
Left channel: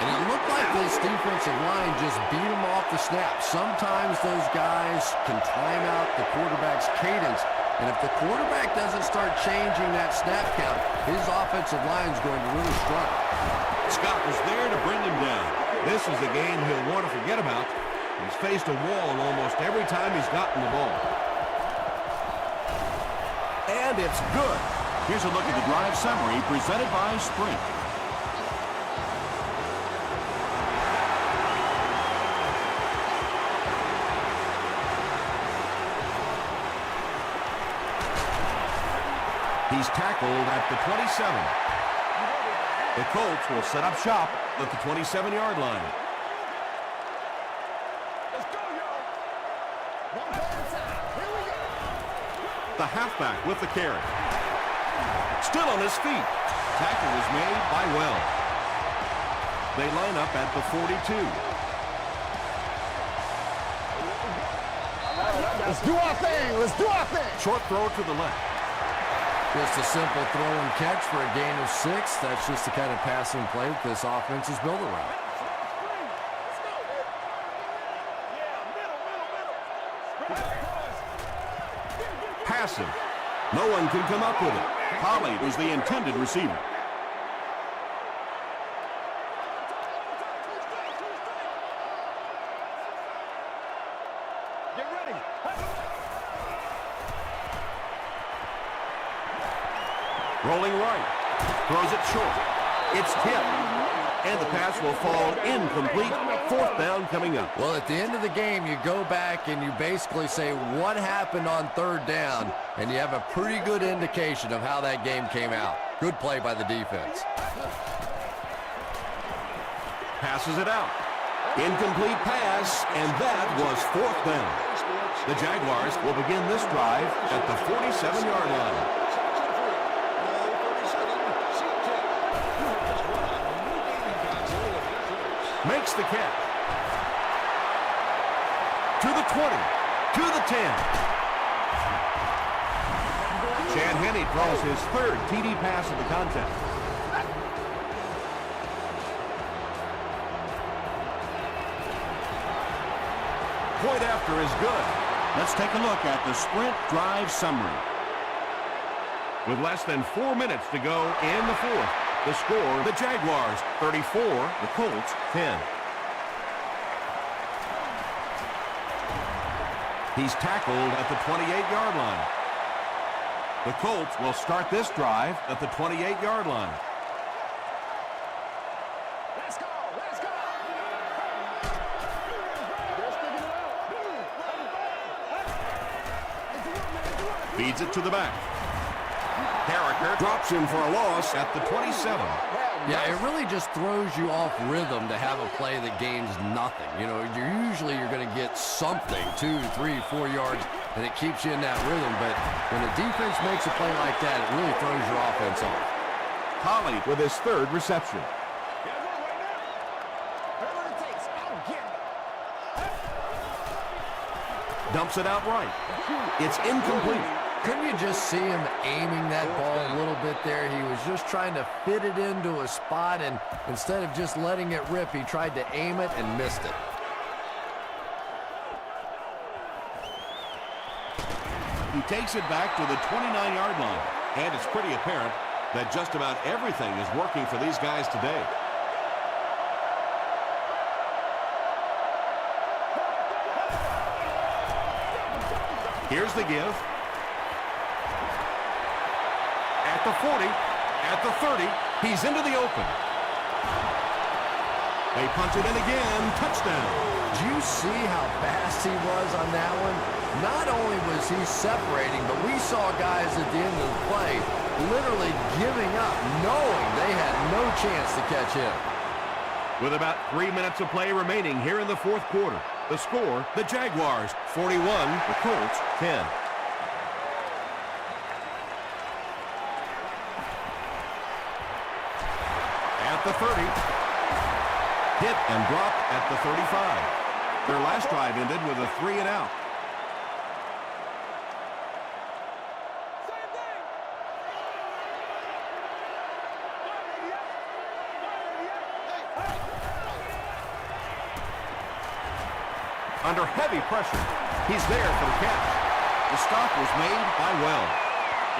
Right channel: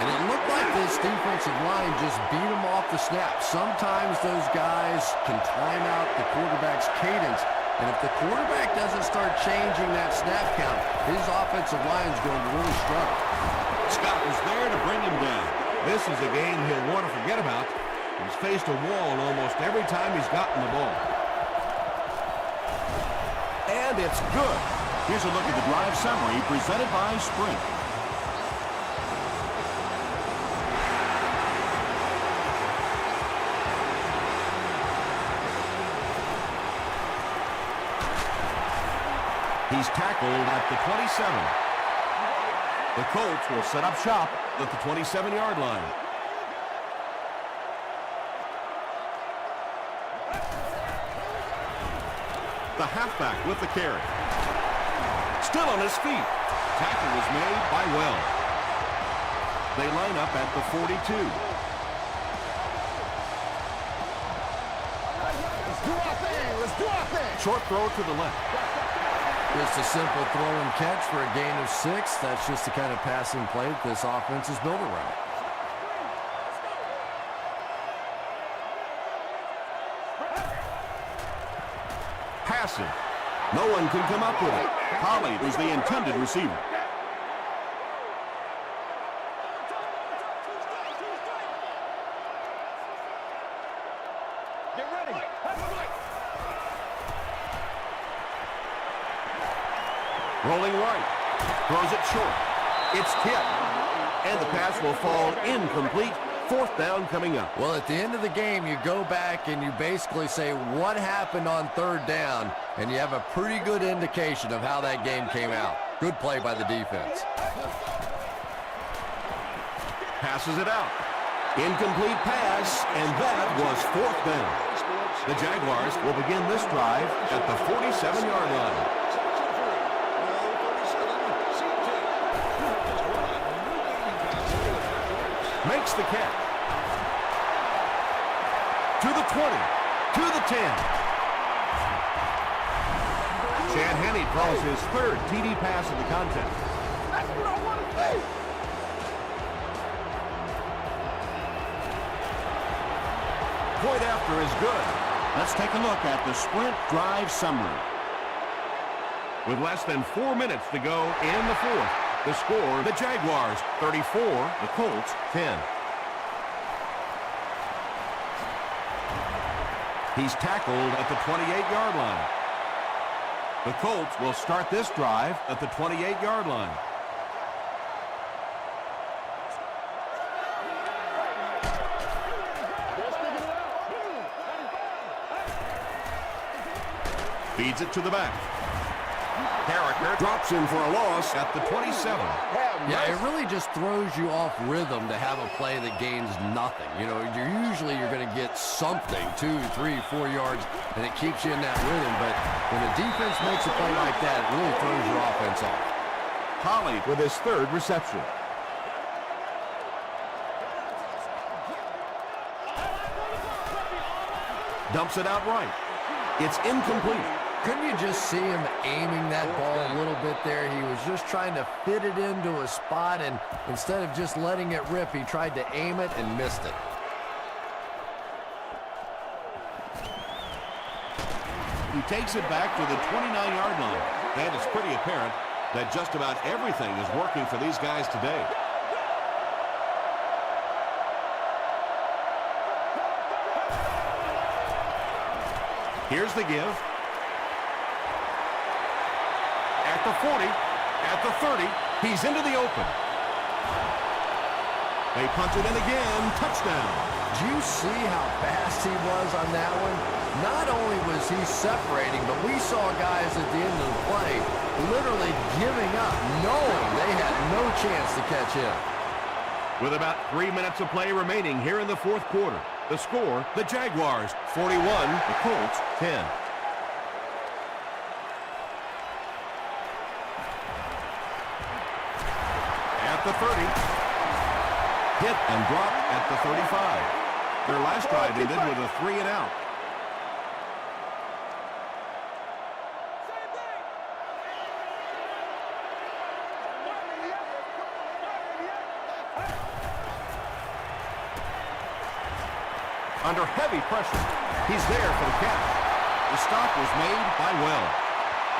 And it looked like this defensive line just beat them off the snap. Sometimes those guys can time out the quarterback's cadence. And if the quarterback doesn't start changing that snap count, his offensive line's going to really struggle. Scott was there to bring him down. This is a game he'll want to forget about. He's faced a wall almost every time he's gotten the ball. And it's good. Here's a look at the drive summary presented by Sprint. He's tackled at the 27. The Colts will set up shop at the 27-yard line. The halfback with the carry. Still on his feet. Tackle was made by Wells. They line up at the 42. Let's do our thing. Let's do our thing. Short throw to the left. Just a simple throw and catch for a gain of 6. That's just the kind of passing play that this offense is built around. Passing. No one can come up with it. Holly was the intended receiver. Get ready. Rolling right. Throws it short. It's hit. And the pass will fall incomplete. 4th down coming up. Well, at the end of the game, you go back and you basically say what happened on 3rd down, and you have a pretty good indication of how that game came out. Good play by the defense. Passes it out. Incomplete pass, and that was 4th down. The Jaguars will begin this drive at the 47-yard line. Makes the catch. To the 20. To the 10. Chad Henne draws his 3rd TD pass of the contest. Point after is good. Let's take a look at the Sprint drive summary. With less than 4 minutes to go in the 4th, the score, the Jaguars 34, the Colts 10. He's tackled at the 28-yard line. The Colts will start this drive at the 28-yard line. Feeds it to the back. Carricker drops him for a loss at the 27. Yeah, it really just throws you off rhythm to have a play that gains nothing. You know, you're going to get something, 2, 3, 4 yards, and it keeps you in that rhythm. But when the defense makes a play like that, it really throws your offense off. Holly with his third reception. Dumps it out right. It's incomplete. Couldn't you just see him aiming that ball a little bit there? He was just trying to fit it into a spot, and instead of just letting it rip, he tried to aim it and missed it. He takes it back to the 29-yard line. And it's pretty apparent that just about everything is working for these guys today. Here's the give. At the 40, at the 30, he's into the open. They punt it in again, touchdown. Do you see how fast he was on that one? Not only was he separating, but we saw guys at the end of the play literally giving up, knowing they had no chance to catch him. With about 3 minutes of play remaining here in the fourth quarter. The score, the Jaguars 41, the Colts 10. At the 30. Hit and dropped at the 35. Their last drive ended with a 3-and-out. Under heavy pressure, he's there for the catch. The stop was made by Well.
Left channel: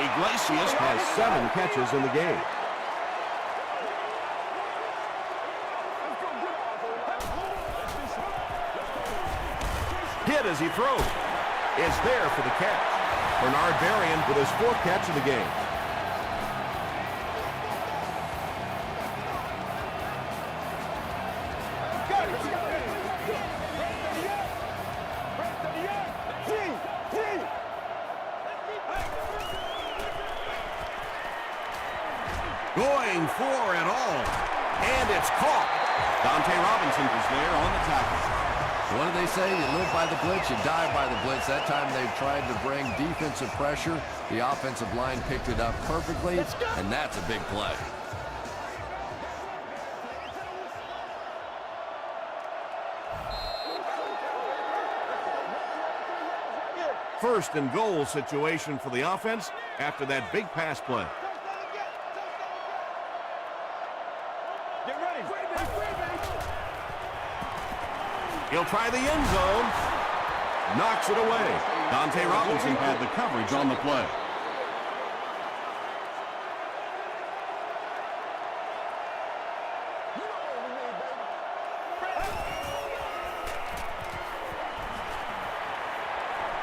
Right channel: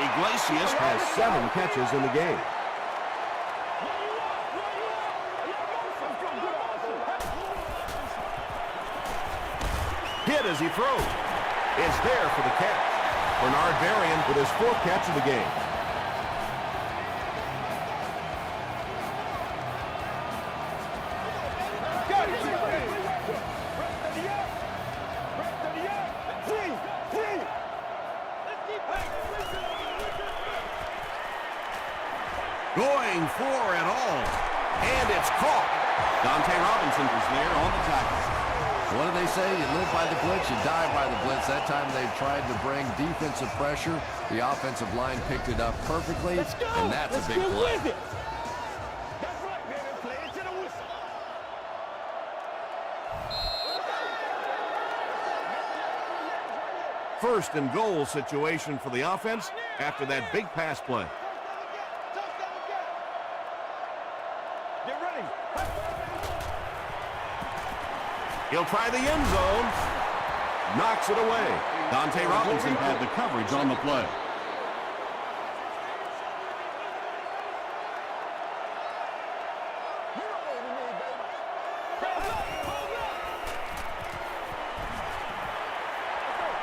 Iglesias has 7 catches in the game. Hit as he throws. Is there for the catch. Bernard Varian with his 4th catch of the game. Going for it all. And it's caught. Dante Robinson is there on the tackle. What do they say? You live by the blitz, you die by the blitz. That time they tried to bring defensive pressure. The offensive line picked it up perfectly, and that's a big play. First and goal situation for the offense after that big pass play. Get ready. He'll try the end zone. Knocks it away. Dante Robinson had the coverage on the play. You know what we need, baby.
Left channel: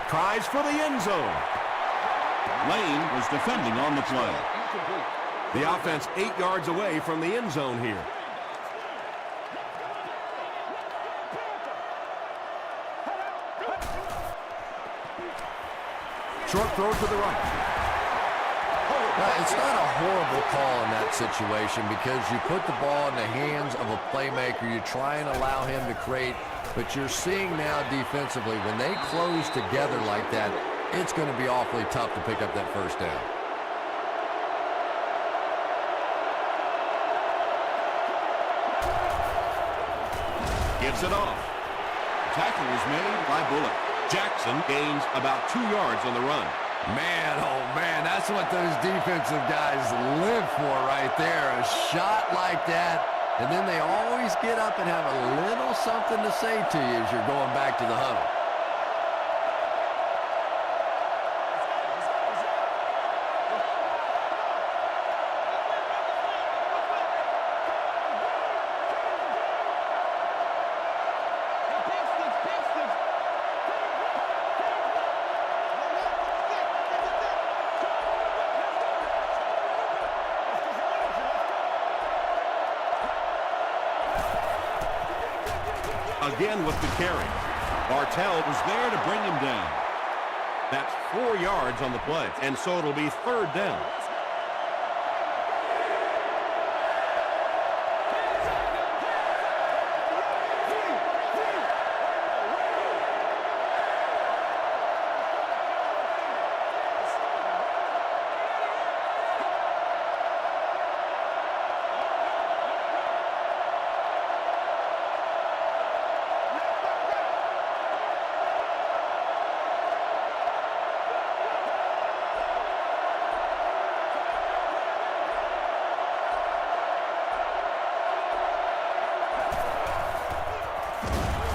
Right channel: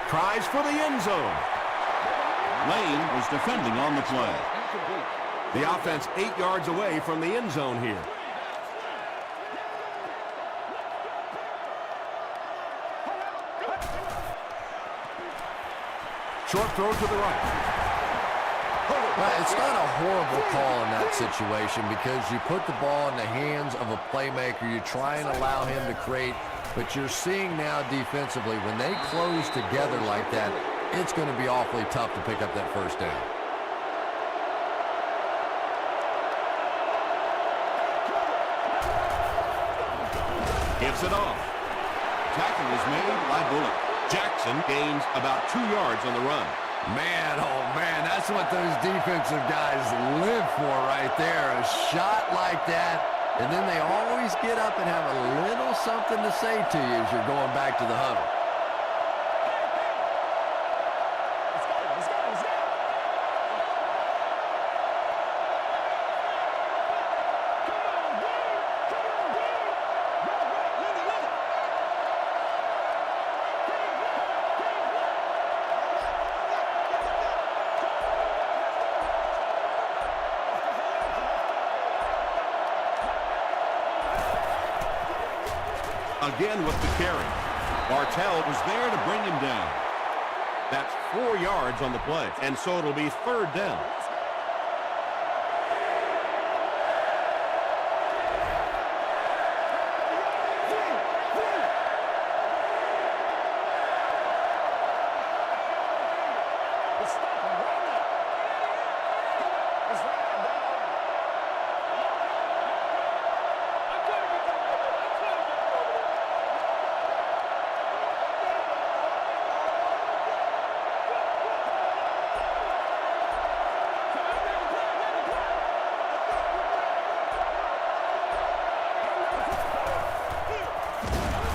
Tries for the end zone. Lane was defending on the play. The offense 8 yards away from the end zone here. Short throw to the right. Well, it's not a horrible call in that situation because you put the ball in the hands of a playmaker. You try and allow him to create, but you're seeing now defensively, when they close together like that, it's going to be awfully tough to pick up that first down. Gives it off. Tackle is made by Bullock. Jackson gains about 2 yards on the run. Man, oh man, that's what those defensive guys live for right there. A shot like that, and then they always get up and have a little something to say to you as you're going back to the huddle. again with the carry. Bartell was there to bring him down. That's 4 yards on the play, and so it'll be 3rd down.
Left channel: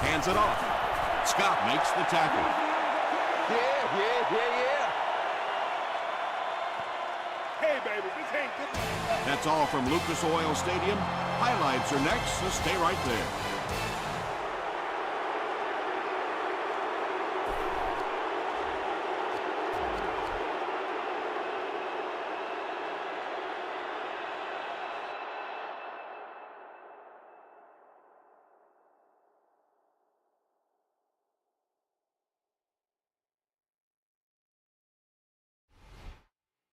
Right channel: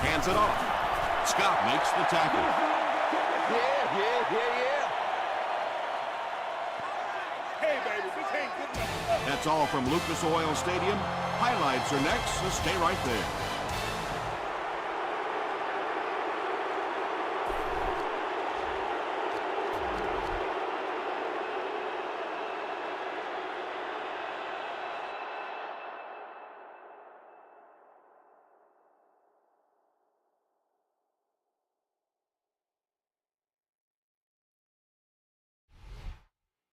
Hands it off. Scott makes the tackle. Yeah. Hey, baby, this ain't good enough. That's all from Lucas Oil Stadium. Highlights are next, so stay right there.